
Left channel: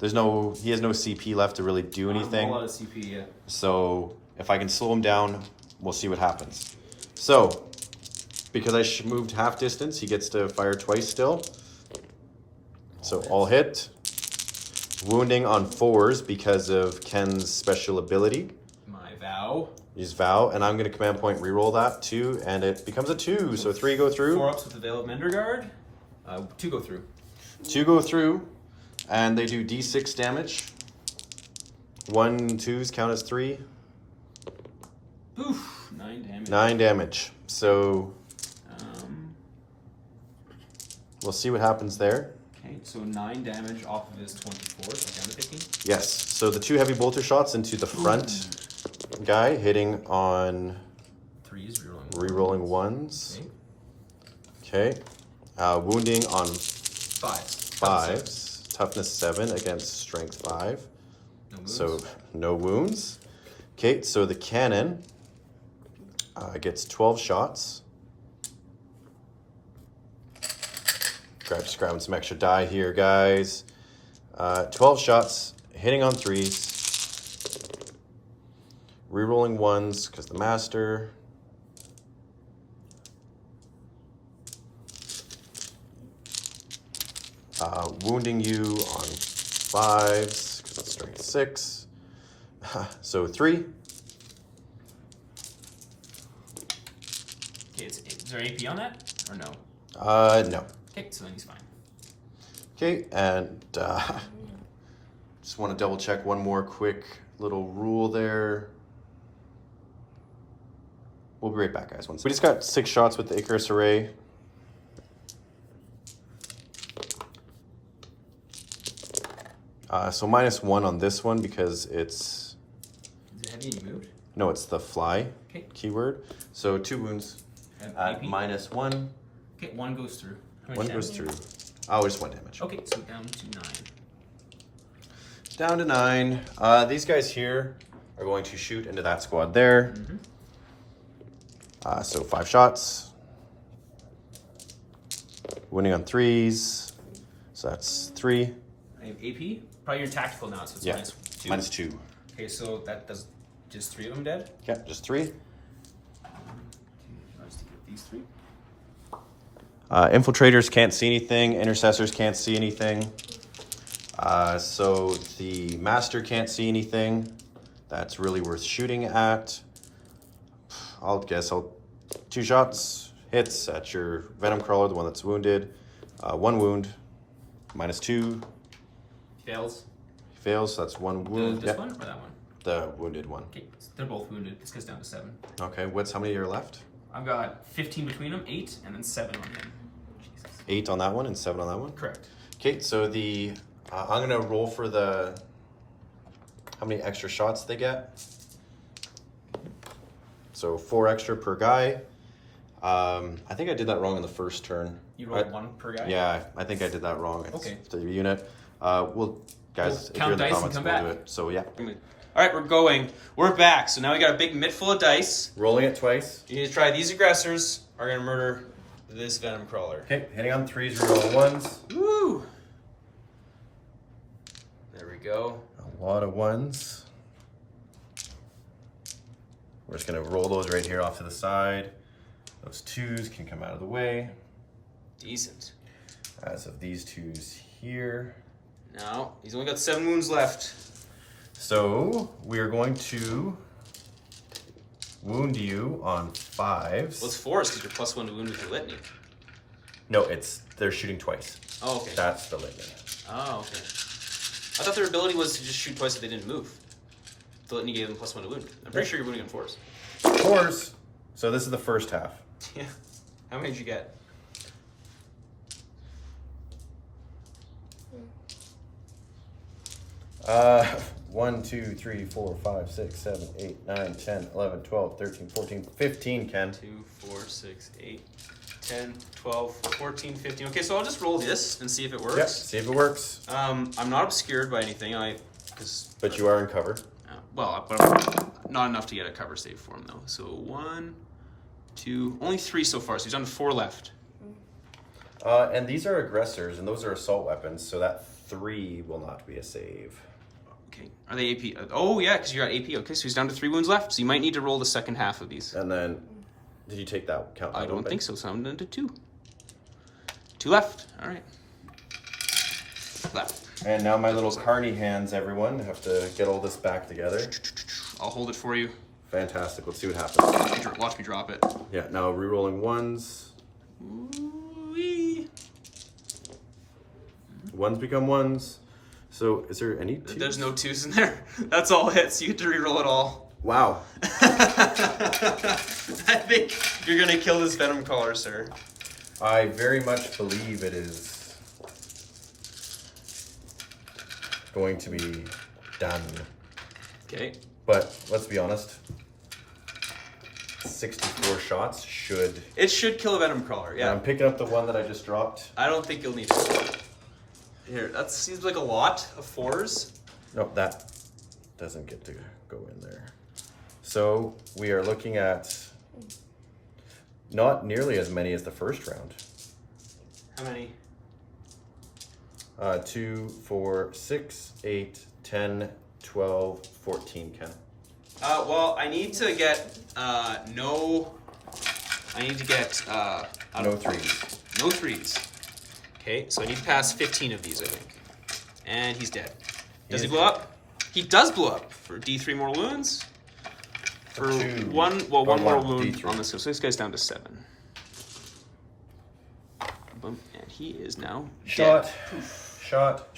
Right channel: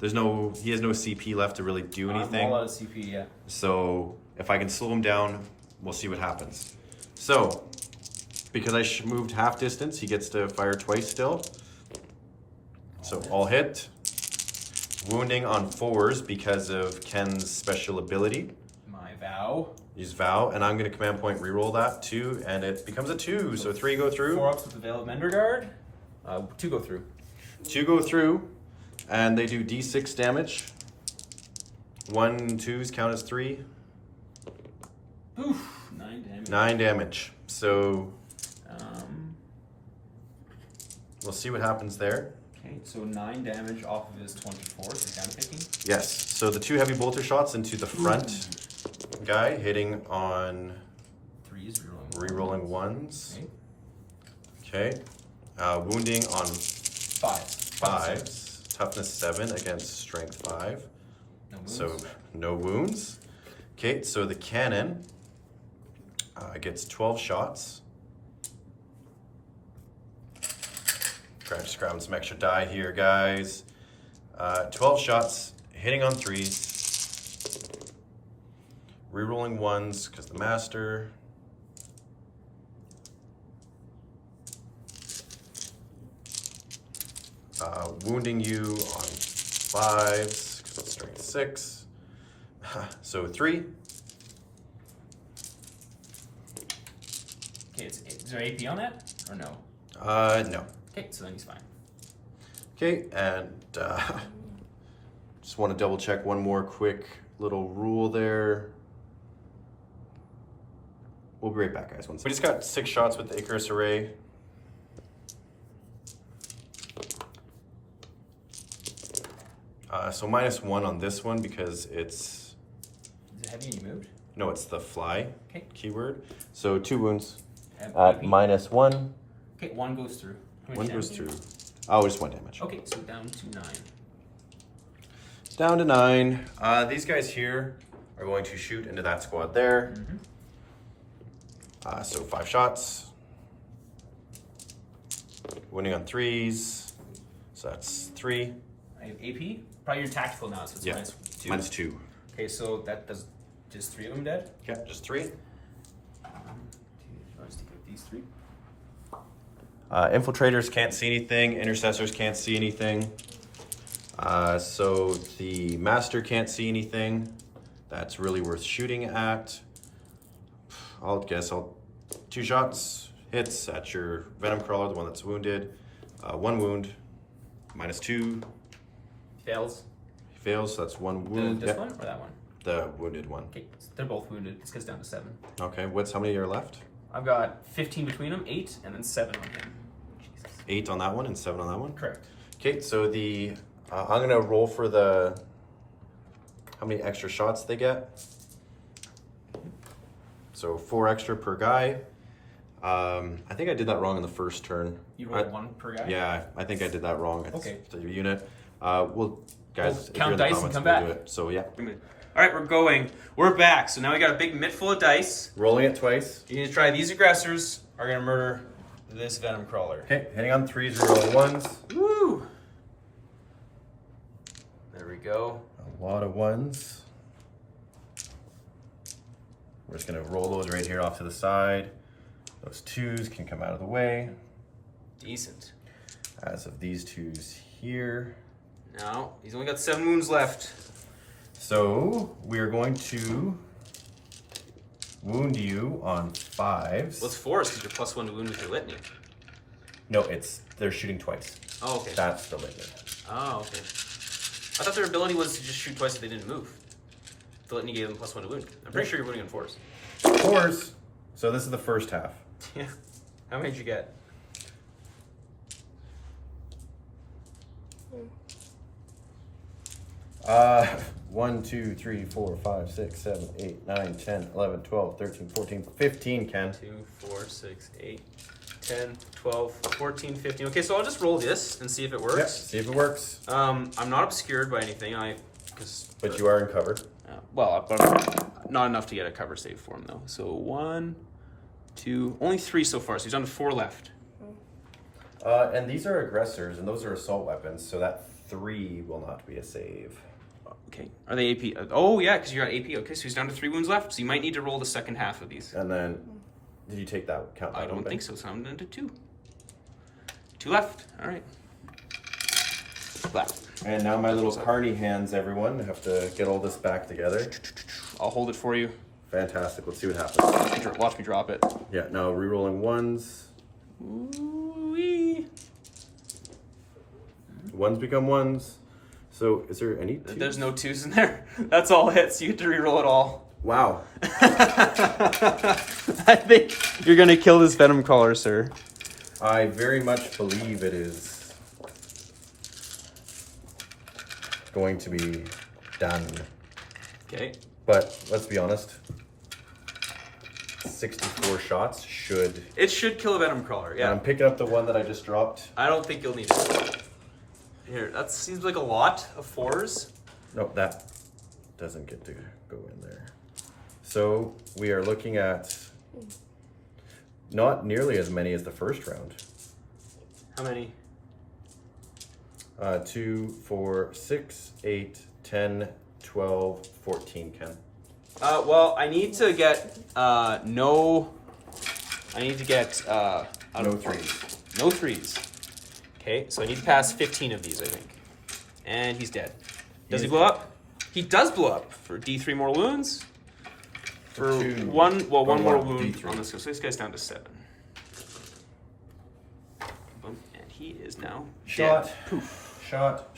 he has no CP left to really do anything. I'm all out of CP, yeah. So if I can slow him down, we'll see what happens. So, because I moved half distance, he gets to fire twice still. So all hit. Wounding on 4s because of Ken's special ability. My vow. Use Vow, and I'm going to command point reroll that 2, and it becomes a 2. So 3 go through. 4 ups with the Veil of Mendergard. 2 go through. 2 go through, and they do D6 damage. 1 2s count as 3. Oof, 9 damage. 9 damage. So we'll see what happens there. Okay, so 9 damage off of his 24, so down to 15. Yes. So the 2 heavy bolter shots into the front guy, hitting on 3s, rerolling 1s. Okay. Wounding on 5s. Toughness 7 against strength 5. No wounds. So no wounds. Okay, so the cannon gets 12 shots. Just grabbing some extra die here, guys. 12 shots, hitting on 3s. Rerolling 1s, because the master. Wounding you on 5s, because it's strength 6. So 3. Okay, is there AP on that, or no? No. Okay, so then he's fine. Okay, and just want to double check one more quick little rule there. We'll be right back, guys. We just got 6 shots with the Icarus Array. So -1 on this one because it's... Is it heavy and you moved? No, it's the fly keyword. So 2 wounds at AP? -1. Okay, 1 goes through. How much 1 damage goes do you through. do? Oh, just 1 damage. Okay, so down to 9. Down to 9. These guys here are going to shoot into that squad there. Mm-hmm. So 5 shots. Wounding on 3s. So that's 3. I have AP. Probably you're in tactical now, so it's Yeah. minus 2. -2. Okay, so that does just 3 of them dead. Yeah, just 3. I'll just take out these 3. Infiltrators can't see anything. Intercessors can't see anything. So the master can't see anything. That's really worth shooting at. I'll 2 shots, hits at your venom crawler, the one that's wounded. 1 wound, -2. Fails. Fails, so that's 1 wound. This one or that one? The wounded one. Okay, they're both wounded. This goes down to 7. Okay, how many are left? I've got 15 between them, 8, and then 7 on him. Jesus. 8 on that one and 7 on that one? Correct. Okay, so I'm gonna roll for how many extra shots they get. So 4 extra per guy. I think I did that wrong in the first turn. You rolled 1 per guy? Yeah, I think I did that wrong. It's Okay. the unit. Guys, if count you're in the dice and comments, come we'll back. do it. So yeah. All right, we're going. We're back. So now we got a big mitt full of dice. Rolling it twice. You need to try these aggressors are going to murder this venom crawler. Okay, hitting on 3s, rerolling 1s. Woo! There we go. A lot of 1s. We're just gonna roll those right here off to the side. Those 2s can come out of the way. Decent. As of these 2s here. Now, he's only got 7 wounds left. So we are going to wound you on 5s. What's 4s? Because you're +1 to wound with your litany. No, they're shooting twice. Oh, okay. That's the litany. Oh, okay. I thought their ability was to just shoot twice if they didn't move. The litany gave them +1 to wound. I'm pretty sure you're wounding on 4s. 4s. So this is the first half. Yeah. How many did you get? Uh, 1, 2, 3, 4, 5, 6, 7, 8, 9, 10, 11, 12, 13, 14, 15, Ken. 2, 4, 6, 8, 10, 12, 14, 15. Okay, so I'll just roll this and see if it works. Yeah, see if it works. I'm not obscured by anything. But you are in cover. But not enough to get a cover save for him though. So 1, 2, only 3 so far. So he's down to 4 left. And these are aggressors, and those are assault weapons, so that 3 will not be a save. Okay, are they AP? Oh yeah, because you're at AP. Okay, so he's down to 3 wounds left. So you might need to roll the second half of these. And then, did you take that count? I don't think so. So I'm down to 2. 2 left. All right. Left. And now my little carny hands, everyone. I have to get all this back together. I'll hold it for you. Fantastic. Let's see what happens. Watch me drop it. Yeah. Now re-rolling 1s. Ooh-wee. 1s become 1s. So is there any 2s? There's no 2s in there. That's all hits. You get to re-roll it all. Wow. I think you're gonna kill this venom crawler, sir. I very much believe it is going to be done. Okay. But let's be honest. 64 shots should. It should kill a venom crawler. Yeah. I'm picking up the one that I just dropped. I don't think you'll need it. Here, that seems like a lot of 4s. No, that doesn't get to go in there. So we are looking at not nearly as many as the first round. How many? 2, 4, 6, 8, 10, 12, 14, Ken. Well, I need to get no 3s. No 3s. Okay, so I need to pass 15 of these, I think. And he's dead. Does he blow up? He does blow up for D3 more wounds. For one more wound D3. on this guy. So this guy's down to 7. Boom. And he is now Shot. dead. Poof. Shot.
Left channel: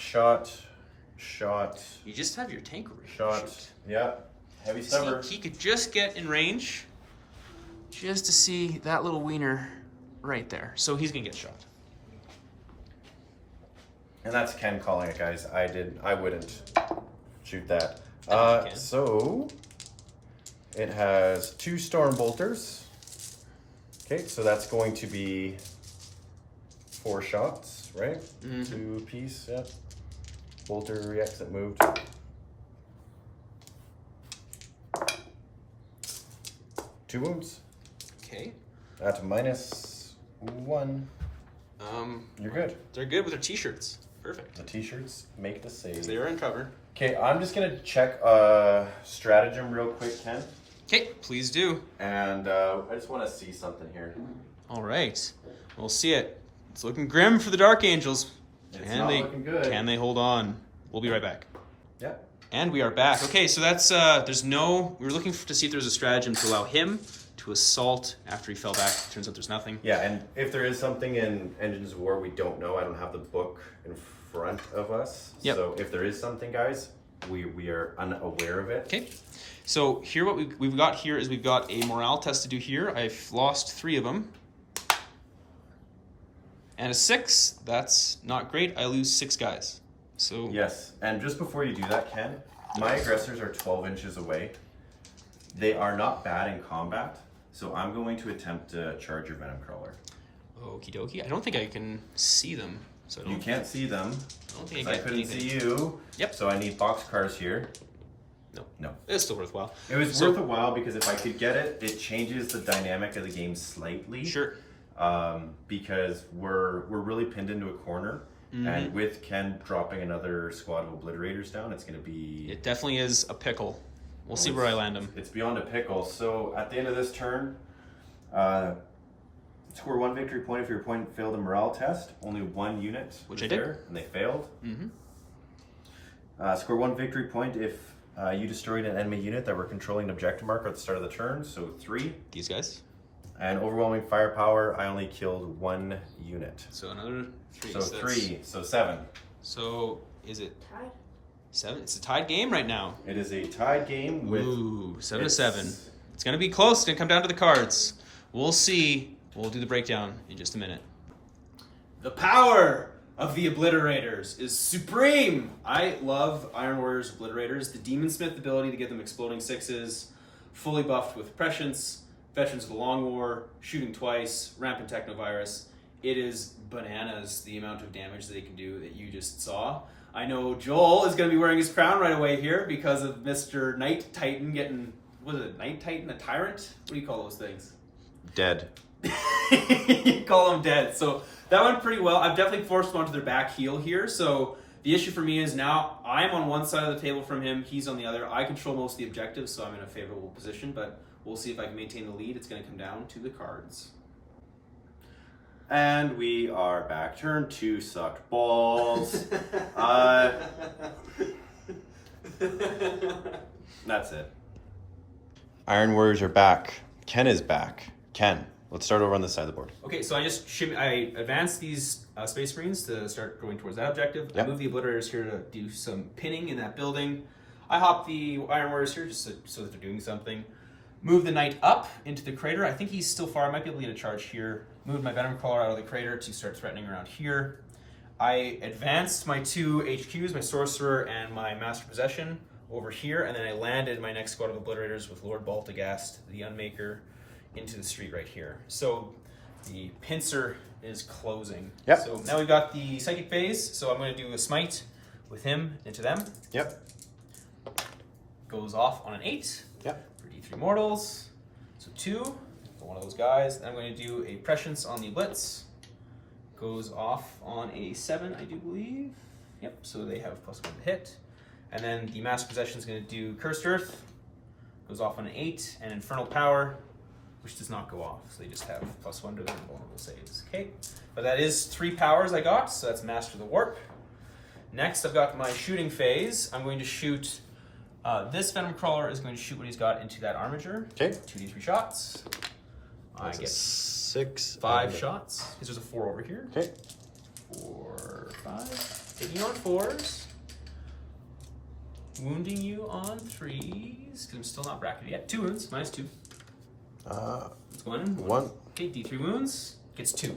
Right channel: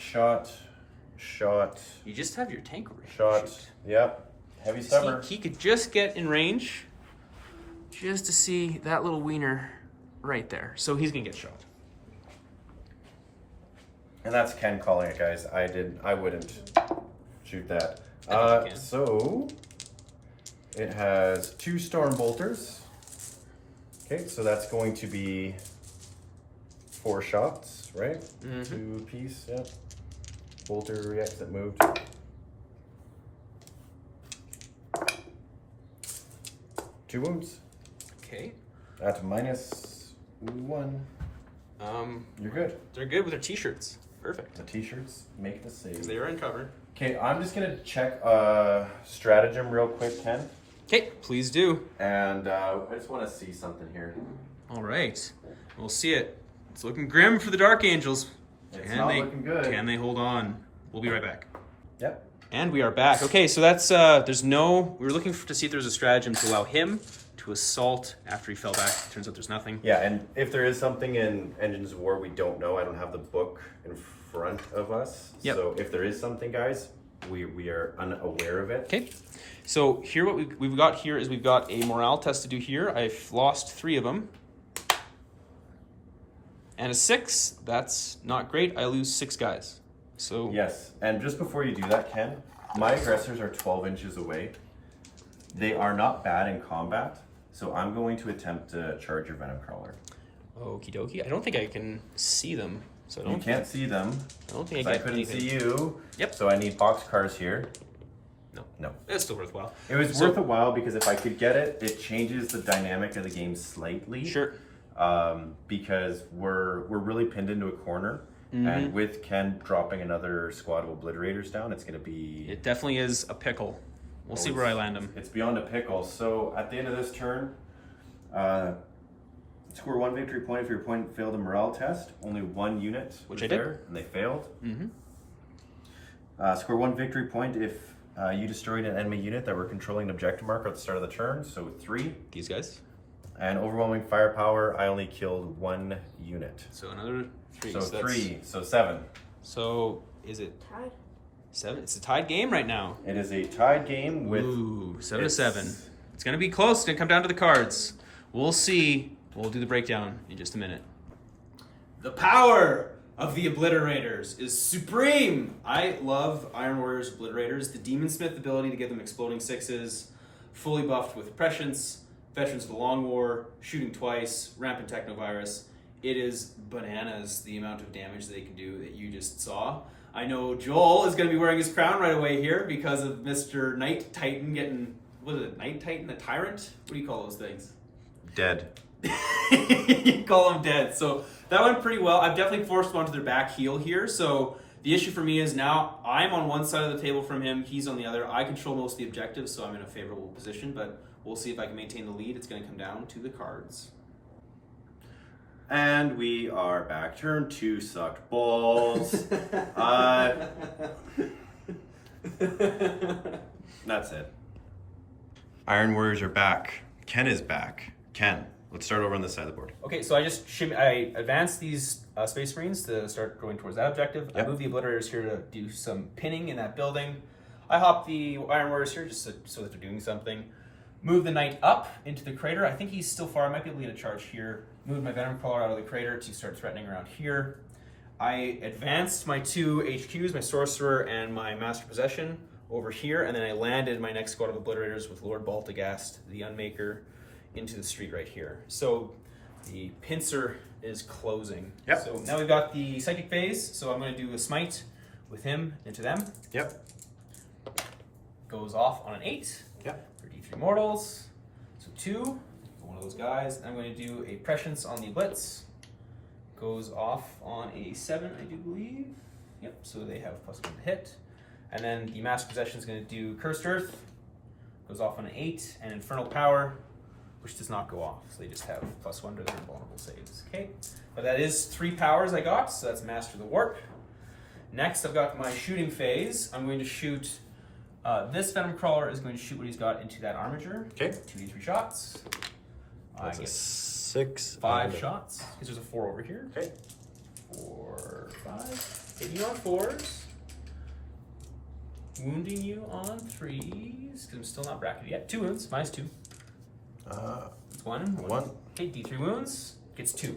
You just have your tank over here. Shot. Shoot. Yep. Heavy stubber. He could just get in range just to see that little wiener right there. So he's gonna get shot. And that's Ken calling it, guys. I wouldn't shoot that. I think you can. So it has 2 storm bolters. Okay, so that's going to be 4 shots, right? Mm-hmm. 2 apiece, yeah. Bolter reacts that moved. Two wounds. Okay. At -1. You're good. They're good with their t-shirts. Perfect. The t-shirts make the save. Because they are in cover. Okay, I'm just gonna check stratagem real quick, Ken. Okay, please do. And I just want to see something here. All right, we'll see it. It's looking grim for the Dark Angels. It's not looking good. Can they hold on? We'll be right back. Yep. And we are back. Okay, so that's we were looking to see if there's a stratagem to allow him to assault after he fell back. Turns out there's nothing. Yeah, and if there is something in Engines of War we don't know, I don't have the book in front of us. Yep. So if there is something, guys, we are unaware of it. Okay, so here what we've got here is we've got a morale test to do here. I've lost 3 of them. And a 6, that's not great. I lose 6 guys. So Yes, and just before you do that, Ken, my aggressors are 12 inches away. They are not bad in combat, so I'm going to attempt to charge your Venom Crawler. okie dokie. I don't think I can see them. So You can't see them. I don't think I I get couldn't anything. see you. Yep. So I need boxcars here. No. It's still worthwhile. It was worth a while because if I could get it, it changes the dynamic of the game slightly. Sure. Because we're really pinned into a corner, and with Ken dropping another squad of obliterators down, it's going to be. It definitely is a pickle. We'll see where I land them. It's beyond a pickle. So at the end of this turn, score 1 victory point if your opponent failed a morale test. Only 1 unit Which was I did. there, and they failed. Mm-hmm. Score 1 victory point if you destroyed an enemy unit that were controlling an objective marker at the start of the turn. So 3. These guys. And overwhelming firepower, I only killed 1 unit. So another 3. So that's- 3, so 7. So is it Tied. 7? It's a tied game right now. It is a tied game with. Ooh, 7 to it's- 7. It's gonna be close. It's gonna come down to the cards. We'll see. We'll do the breakdown in just a minute. The power of the Obliterators is supreme. I love Iron Warriors Obliterators. The Demon Smith ability to give them exploding 6s, fully buffed with prescience, Veterans of the Long War, shooting twice, rampant technovirus. It is bananas the amount of damage that they can do that you just saw. I know Joel is going to be wearing his crown right away here because of Mr. Knight Titan getting, what is it, Knight Titan, a tyrant? What do you call those things? Dead. You call them dead. So that went pretty well. I've definitely forced him onto their back heel here. So the issue for me is now I'm on one side of the table from him. He's on the other. I control most of the objectives, so I'm in a favorable position. But we'll see if I can maintain the lead. It's going to come down to the cards. And we are back. Turn 2 sucked balls. That's it. Iron Warriors are back. Ken is back. Ken, let's start over on this side of the board. Okay, so I advanced these Space Marines to start going towards that objective. Yep. I moved the Obliterators here to do some pinning in that building. I hopped the Iron Warriors here just so that they're doing something. Move the Knight up into the crater. I think he's still far. I might be able to lead a charge here. Move my Venom Crawler out of the crater to start threatening around here. I advanced my 2 HQs, my Sorcerer and my Master Possession, over here, and then I landed my next squad of Obliterators with Lord Baltagast, the Unmaker, into the street right here. So the pincer is closing. Yep. So now we've got the Psychic Phase, so I'm going to do a Smite with him into them. Yep. Goes off on an 8. Yep. For D3 mortals. So 2 for one of those guys. I'm going to do a Prescience on the Blitz. Goes off on a 7, I do believe. Yep, so they have +1 to hit. And then the Master Possession is going to do Cursed Earth. Goes off on an 8. And Infernal Power, which does not go off. So they just have +1 to their invulnerable saves. Okay, but that is 3 powers I got. So that's Master the Warp. Next, I've got my shooting phase. I'm going to shoot... this Venom Crawler is going to shoot what he's got into that Armiger. Okay. 2d3 shots. That's I a get 6. 5 shots. Because there's a 4 over here. Okay. 4, 5. Hitting you on 4s. Wounding you on 3s. Because I'm still not bracketed yet. 2 wounds. -2. It's 1. 1. Okay, D3 wounds. Gets 2.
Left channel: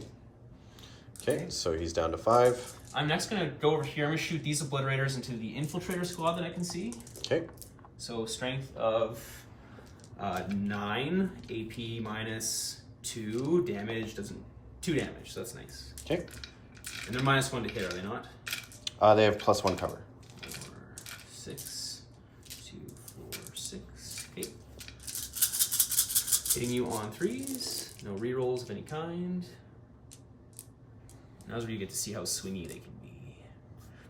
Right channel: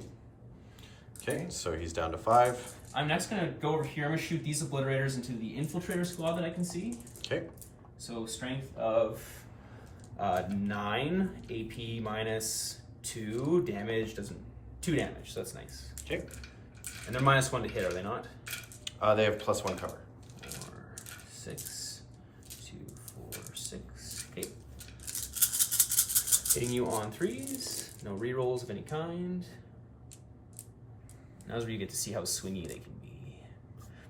Okay, so he's down to 5. I'm next going to go over here. I'm going to shoot these Obliterators into the Infiltrator squad that I can see. Okay. So strength of 9, AP -2, damage doesn't... 2 damage, so that's nice. Okay. And they're -1 to hit, are they not? They have +1 cover. 4, 6, 2, 4, 6. Okay. Hitting you on 3s. No rerolls of any kind. Now's where you get to see how swingy they can be.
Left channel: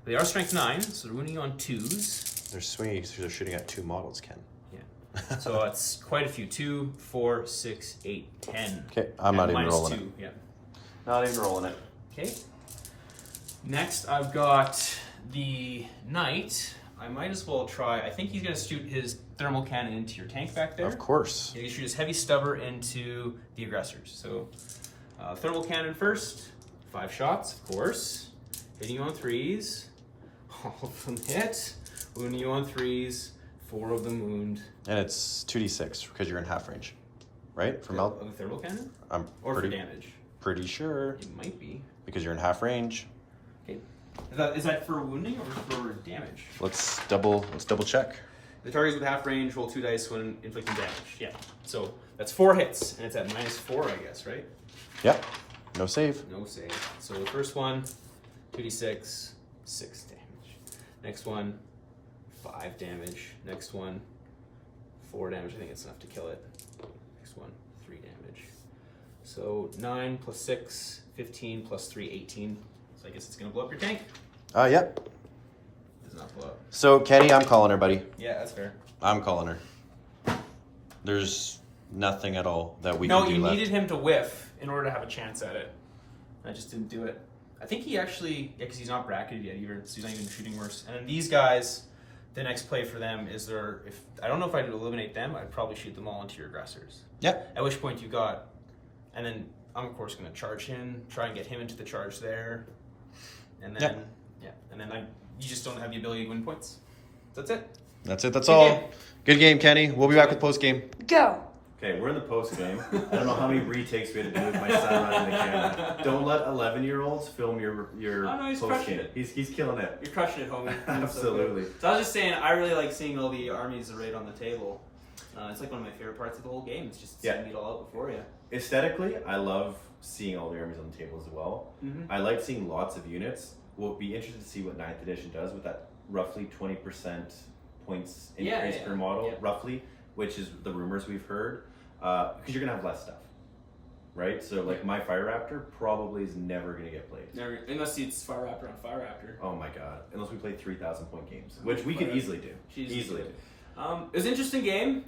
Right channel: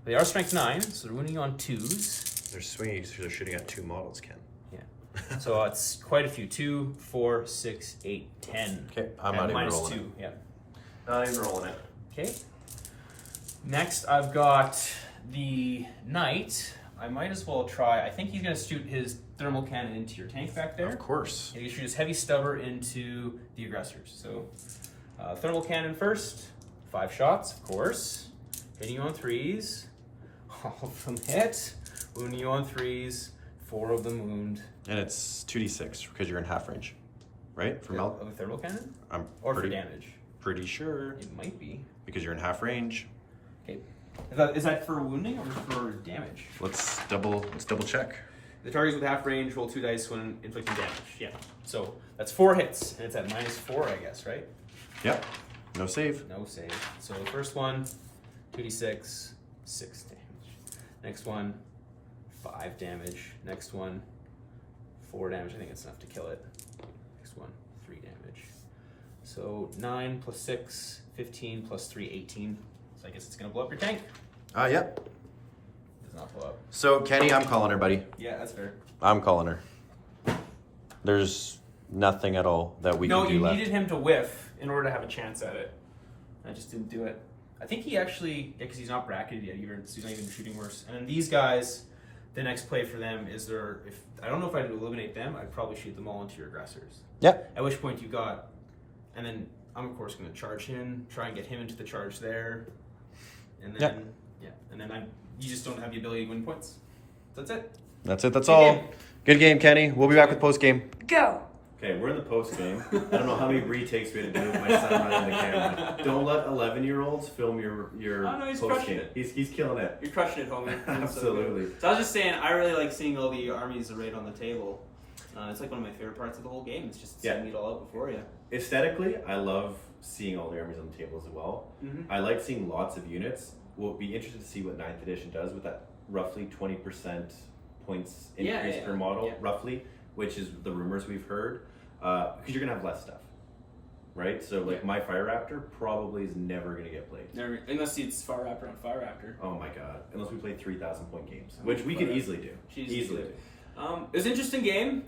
They are strength 9, so they're wounding on 2s. They're swinging because they're shooting at 2 models, Ken. Yeah. So it's quite a few. 2, 4, 6, 8, 10. Okay, I'm not even rolling 2. Yeah. Not even rolling it. Okay. Next, I've got the Knight. I might as well try. I think he's going to shoot his thermal cannon into your tank back there. Of course. He's going to shoot his heavy stubber into the aggressors. So, thermal cannon first. 5 shots, of course. Hitting you on 3s. All of them hit. Wounding you on 3s. 4 of them wound. And it's 2d6 because you're in half range, right? For Of the thermal cannon? I'm Or for damage? pretty sure It might be. because you're in half range. Okay. Is that for wounding or for damage? Let's double check. The targets with half range roll 2 dice when inflicting damage. Yeah. So that's 4 hits, and it's at -4, I guess, right? Yep. No save. No save. So the first one, 2d6, 6 damage. Next one, 5 damage. Next one, 4 damage. I think it's enough to kill it. Next one, 3 damage. So 9 plus 6, 15 plus 3, 18. So I guess it's going to blow up your tank. Yep. Does not blow up. So, Kenny, I'm calling her, buddy. Yeah, that's fair. I'm calling her. There's nothing at all that we can do No, left. you needed him to whiff in order to have a chance at it. I just didn't do it. I think he actually, because he's not bracketed yet either, so he's not even shooting worse. And then these guys, the next play for them is I don't know if I'd eliminate them, I'd probably shoot them all into your aggressors. Yep. At which point you got, and then I'm of course going to charge him, try and get him into the charge there. And then, you just don't have the ability to win points. That's it. That's it. That's Good all. game. Good game, Kenny. We'll be back with post game. Go. Okay, we're in the post game. I don't know how many retakes we had to do with my son running the camera. Don't let 11-year-olds film your Oh, no, he's post crushing game. it. He's killing it. You're crushing it, homie. Absolutely. So I was just saying, I really like seeing all the armies arrayed on the table. It's like one of my favorite parts of the whole game. It's just seeing it all out before you. Aesthetically, I love seeing all the armies on the table as well. Mm-hmm. I like seeing lots of units. We'll be interested to see what 9th edition does with that roughly 20% points increase per model, roughly, which is the rumors we've heard. Because you're going to have less stuff, right? So, like, my Fire Raptor probably is never going to get played. Never, unless it's Fire Raptor on Fire Raptor. Oh my god. Unless we play 3,000 point games, which we could easily do. Easily. It was an interesting game.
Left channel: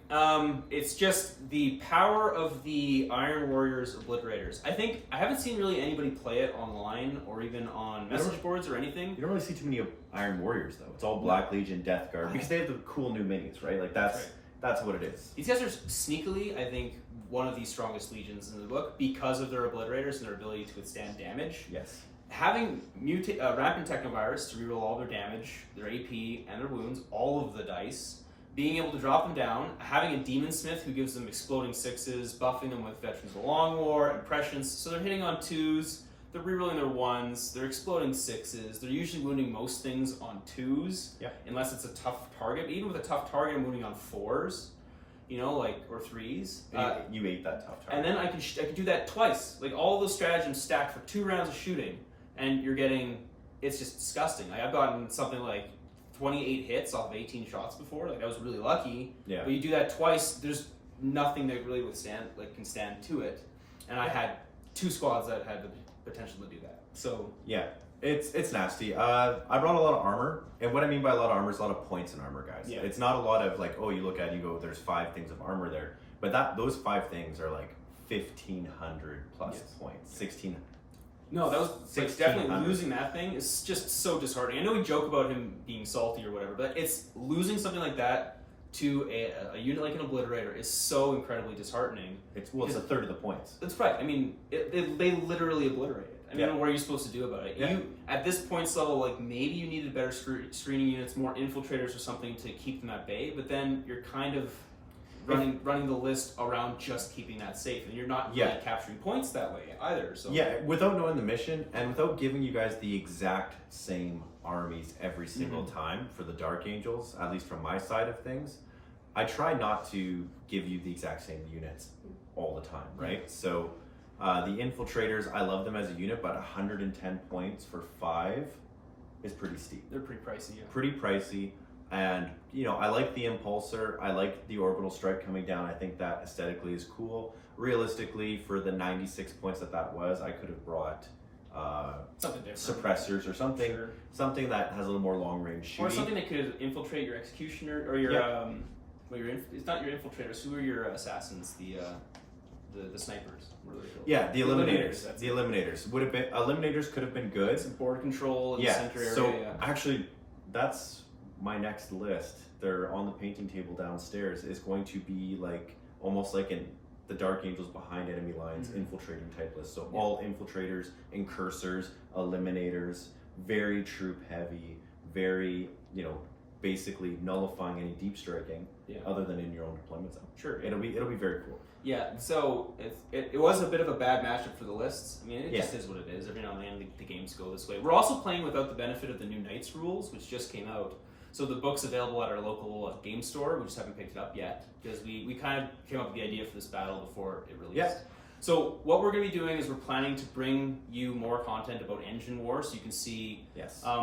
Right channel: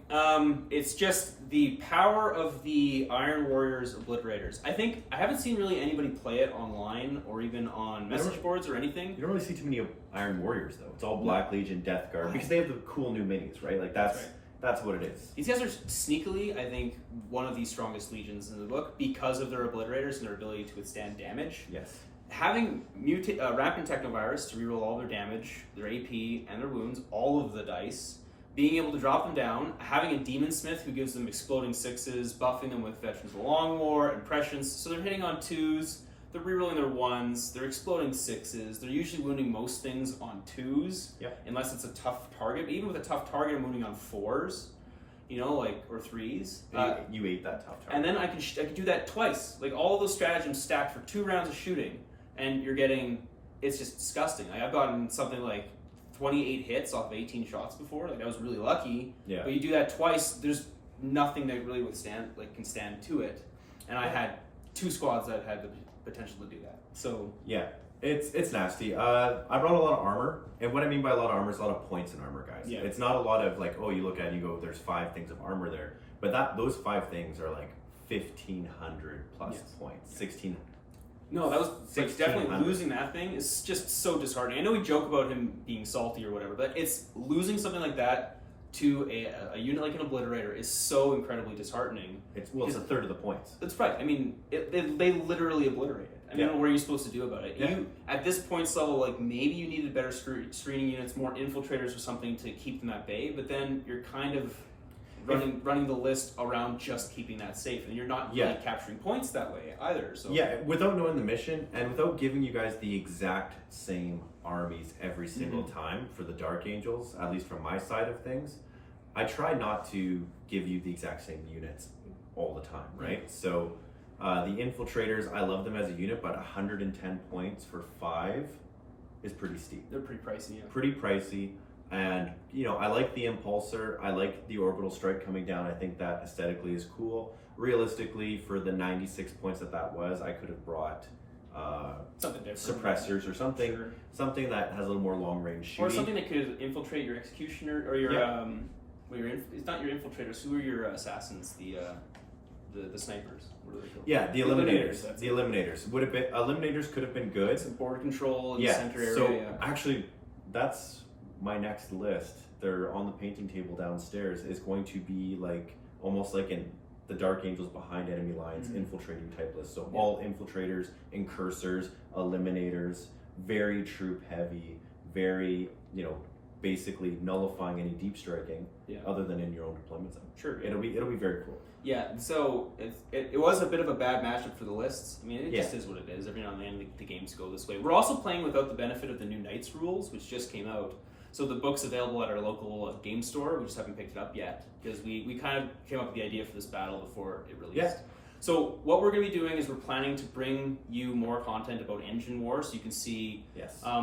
It's just the power of the Iron Warriors Obliterators. I haven't seen really anybody play it online or even on message boards or anything. You don't really see too many Iron Warriors, though. It's all Black Legion, Death Guard, because they have the cool new minis, right? Like, that's what it is. These guys are sneakily, I think, one of the strongest legions in the book because of their Obliterators and their ability to withstand damage. Yes. Having Rampant Technovirus to reroll all their damage, their AP, and their wounds, all of the dice, being able to drop them down, having a Demon Smith who gives them exploding 6s, buffing them with Veterans of the Long War, impressions, so they're hitting on 2s, they're rerolling their 1s, they're exploding 6s, they're usually wounding most things on 2s, unless it's a tough target. But even with a tough target, I'm wounding on 4s, or 3s. You ate that tough target. And then I could do that twice. Like, all of those stratagems stacked for 2 rounds of shooting, and you're getting, it's just disgusting. Like, I've gotten something like 28 hits off of 18 shots before. Like, I was really lucky. Yeah. But you do that twice, there's nothing that really can stand to it. And I had 2 squads that had the potential to do that. So yeah, it's nasty. I brought a lot of armor, and what I mean by a lot of armor is a lot of points in armor, guys. Yeah. It's not a lot of like, oh, you look at it and you go, there's 5 things of armor there, but those 5 things are like 1,500 plus points, 16. No, that was like, definitely 1,600. losing that thing is just so disheartening. I know we joke about him being salty or whatever, but it's losing something like that to a unit like an Obliterator is so incredibly disheartening. It's a third of the points. That's right. I mean, they literally obliterated. I mean, what are you supposed to do about it? You at this points level, like, maybe you needed better screening units, more infiltrators or something to keep them at bay. But then you're kind of running the list around just keeping that safe, and you're not really capturing points that way either. So without knowing the mission and without giving you guys the exact same armies every single time for the Dark Angels, at least from my side of things, I try not to give you the exact same units all the time, right? So the Infiltrators, I love them as a unit, but 110 points for 5 is pretty steep. They're pretty pricey. Yeah. Pretty pricey. And, I like the Impulsor. I like the Orbital Strike coming down. I think that aesthetically is cool. Realistically, for the 96 points that was, I could have brought something different, suppressors or something, Sure. something that has a little more long range shooting. Or something that could infiltrate your executioner or your it's not your infiltrators. Who are your assassins? The snipers. What are they called? Yeah, the eliminators. That's The it. eliminators would have been eliminators could have been good. Some board control in the Yeah. center area. So yeah. actually, that's my next list. They're on the painting table downstairs. Is going to be like almost like in the Dark Angels behind enemy lines, infiltrating type list. So all infiltrators, incursors, eliminators, very troop heavy, very basically nullifying any deep striking, other than in your own deployment zone. Sure. It'll be very cool. Yeah, so it was a bit of a bad matchup for the lists. I mean, it just Yeah. is what it is. Every now and then the games go this way. We're also playing without the benefit of the new Knights rules, which just came out. So the book's available at our local game store. We just haven't picked it up yet because we kind of came up with the idea for this battle before it released. Yeah. So what we're going to be doing is we're planning to bring you more content about Engine War, so you can see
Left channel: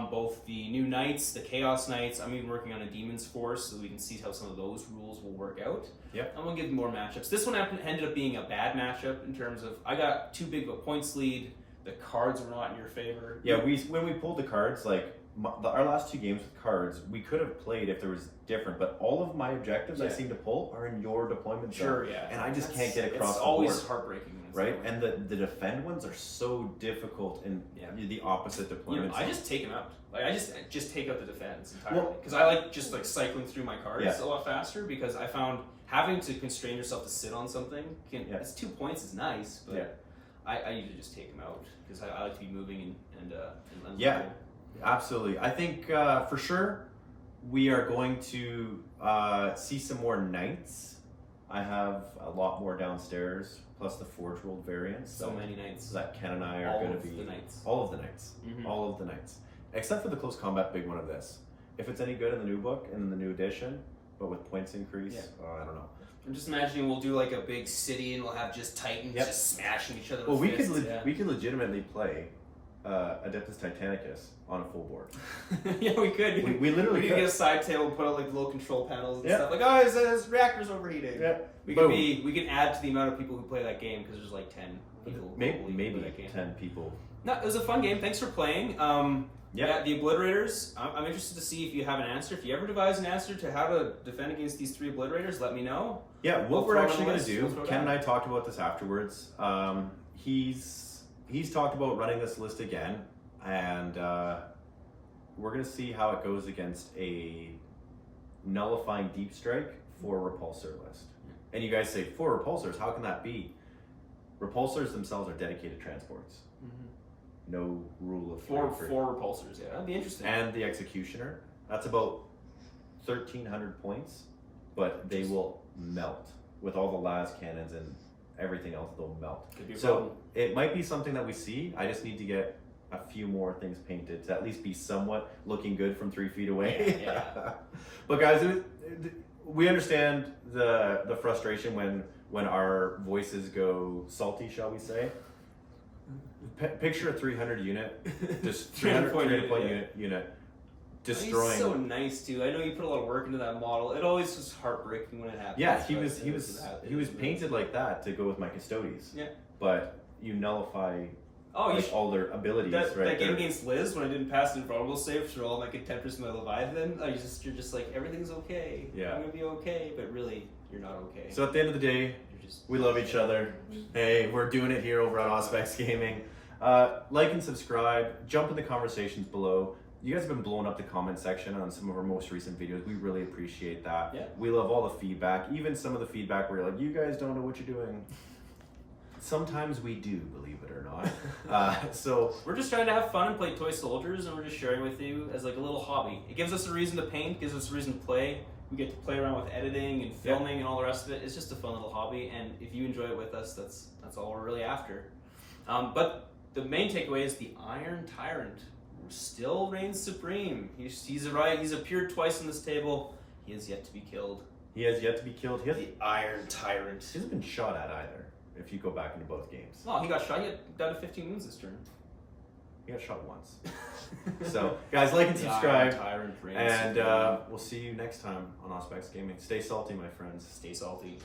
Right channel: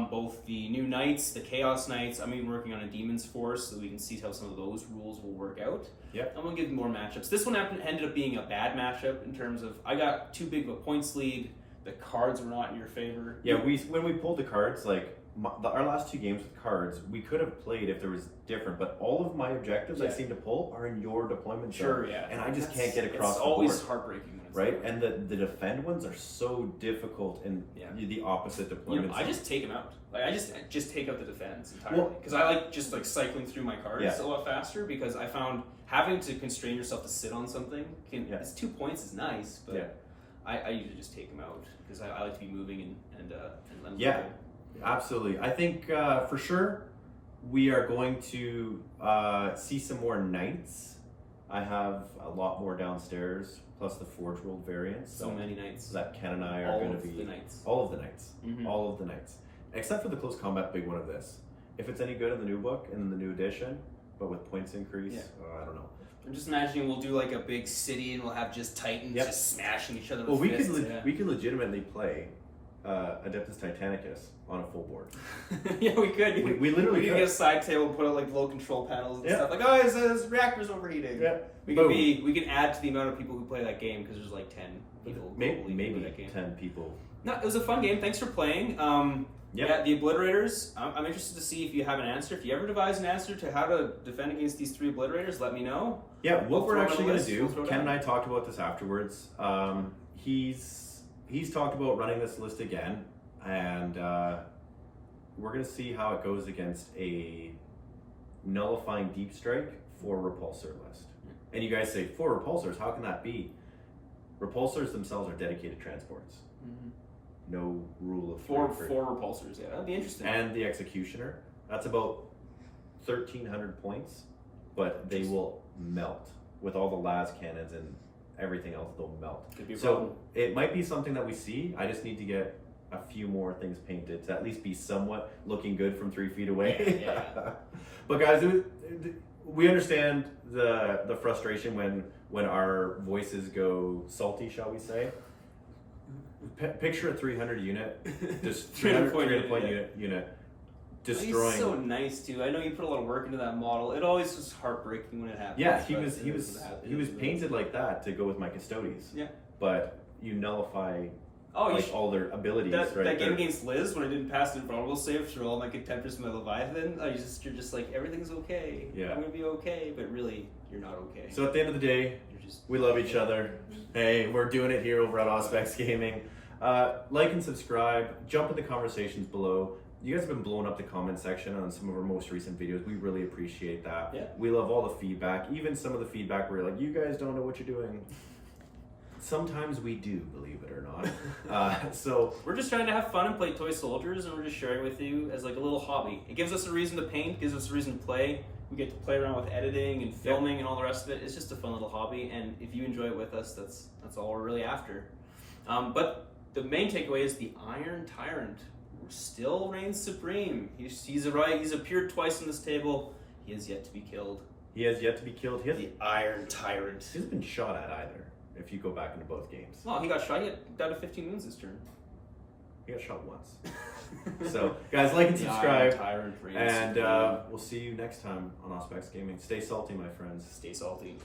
both the new Knights, the Chaos Knights. I'm even working on a Demon's Force, so we can see how some of those rules will work out. Yeah. I'm going to give more matchups. This one ended up being a bad matchup in terms of I got too big of a points lead. The cards were not in your favor. Yeah, when we pulled the cards, like our last two games with cards, we could have played if there was different, but all of my objectives I seem to pull are in your deployment zone. Sure, yeah. And I just can't get across it's the always board. heartbreaking when it's Right? that way. And the defend ones are so difficult in the opposite deployment I zone. just take them out. Like I just take out the defense entirely because I like just like cycling through my cards a lot faster because I found having to constrain yourself to sit on something it's 2 points is nice, but I usually just take them out because I like to be moving and Yeah. Absolutely. I think for sure we are going to see some more Knights. I have a lot more downstairs, plus the Forge World variants. So many Knights. That Ken and I are going to be... the Knights. All of the Knights. All of the Knights. Except for the close combat big one of this. If it's any good in the new book, in the new edition, but with points increase, I don't know. I'm just imagining we'll do like a big city and we'll have just Titans just smashing each other with Well, we fists. we could legitimately play Adeptus Titanicus on a full board. Yeah, we could. We literally could could. get a side table and put out like little control panels and stuff. Like, oh, his reactor's overheating. Yeah. We can add to the amount of people who play that game because there's like 10 people. Maybe that game. 10 people. No, it was a fun game. Thanks for playing. Yeah, the Obliterators. I'm interested to see if you have an answer. If you ever devise an answer to how to defend against these 3 Obliterators, let me know. Yeah, what we're actually going to do, We'll Ken and I talked about this afterwards. He's talked about running this list again, and we're going to see how it goes against a nullifying deep strike for repulsor list. And you guys say, 4 repulsors, how can that be? Repulsors themselves are dedicated transports. No rule of 4 three. repulsors, yeah, that'd be interesting. And the Executioner, that's about 1,300 points, but they will melt with all the las cannons and everything else. They'll melt. Could be a problem. It might be something that we see. I just need to get a few more things painted to at least be somewhat looking good from 3 feet away. Yeah. But guys, we understand the frustration when our voices go salty, shall we say? Picture a 300 unit, just 300 point unit destroying. He's so nice too. I know you put a lot of work into that model. It always was heartbreaking when it happens. Yeah, he was painted like that to go with my Custodes. Yeah, but you nullify all their abilities. That game against Liz when I didn't pass an invulnerable save through all my contemptors and my Leviathan, you're just like everything's okay. Yeah, I'm gonna be okay, but really you're not okay. So at the end of the day, we love each other. Hey, we're doing it here over at Auspex Gaming. Like and subscribe. Jump in the conversations below. You guys have been blowing up the comment section on some of our most recent videos. We really appreciate that. Yeah. We love all the feedback, even some of the feedback where you're like, you guys don't know what you're doing. Sometimes we do, believe it or not. So we're just trying to have fun and play toy soldiers, and we're just sharing with you as like a little hobby. It gives us a reason to paint, gives us a reason to play. We get to play around with editing and filming and all the rest of it. It's just a fun little hobby, and if you enjoy it with us, that's all we're really after. But the main takeaway is the Iron Tyrant still reigns supreme. He's appeared twice on this table. He has yet to be killed. He has yet to be killed. The Iron Tyrant. He hasn't been shot at either. If you go back into both games. Well, he got shot. He got down to 15 wounds this turn. He got shot once. So, guys, like and subscribe. Tyrant reigns and supreme. we'll see you next time on Auspex Gaming. Stay salty, my friends. Stay salty.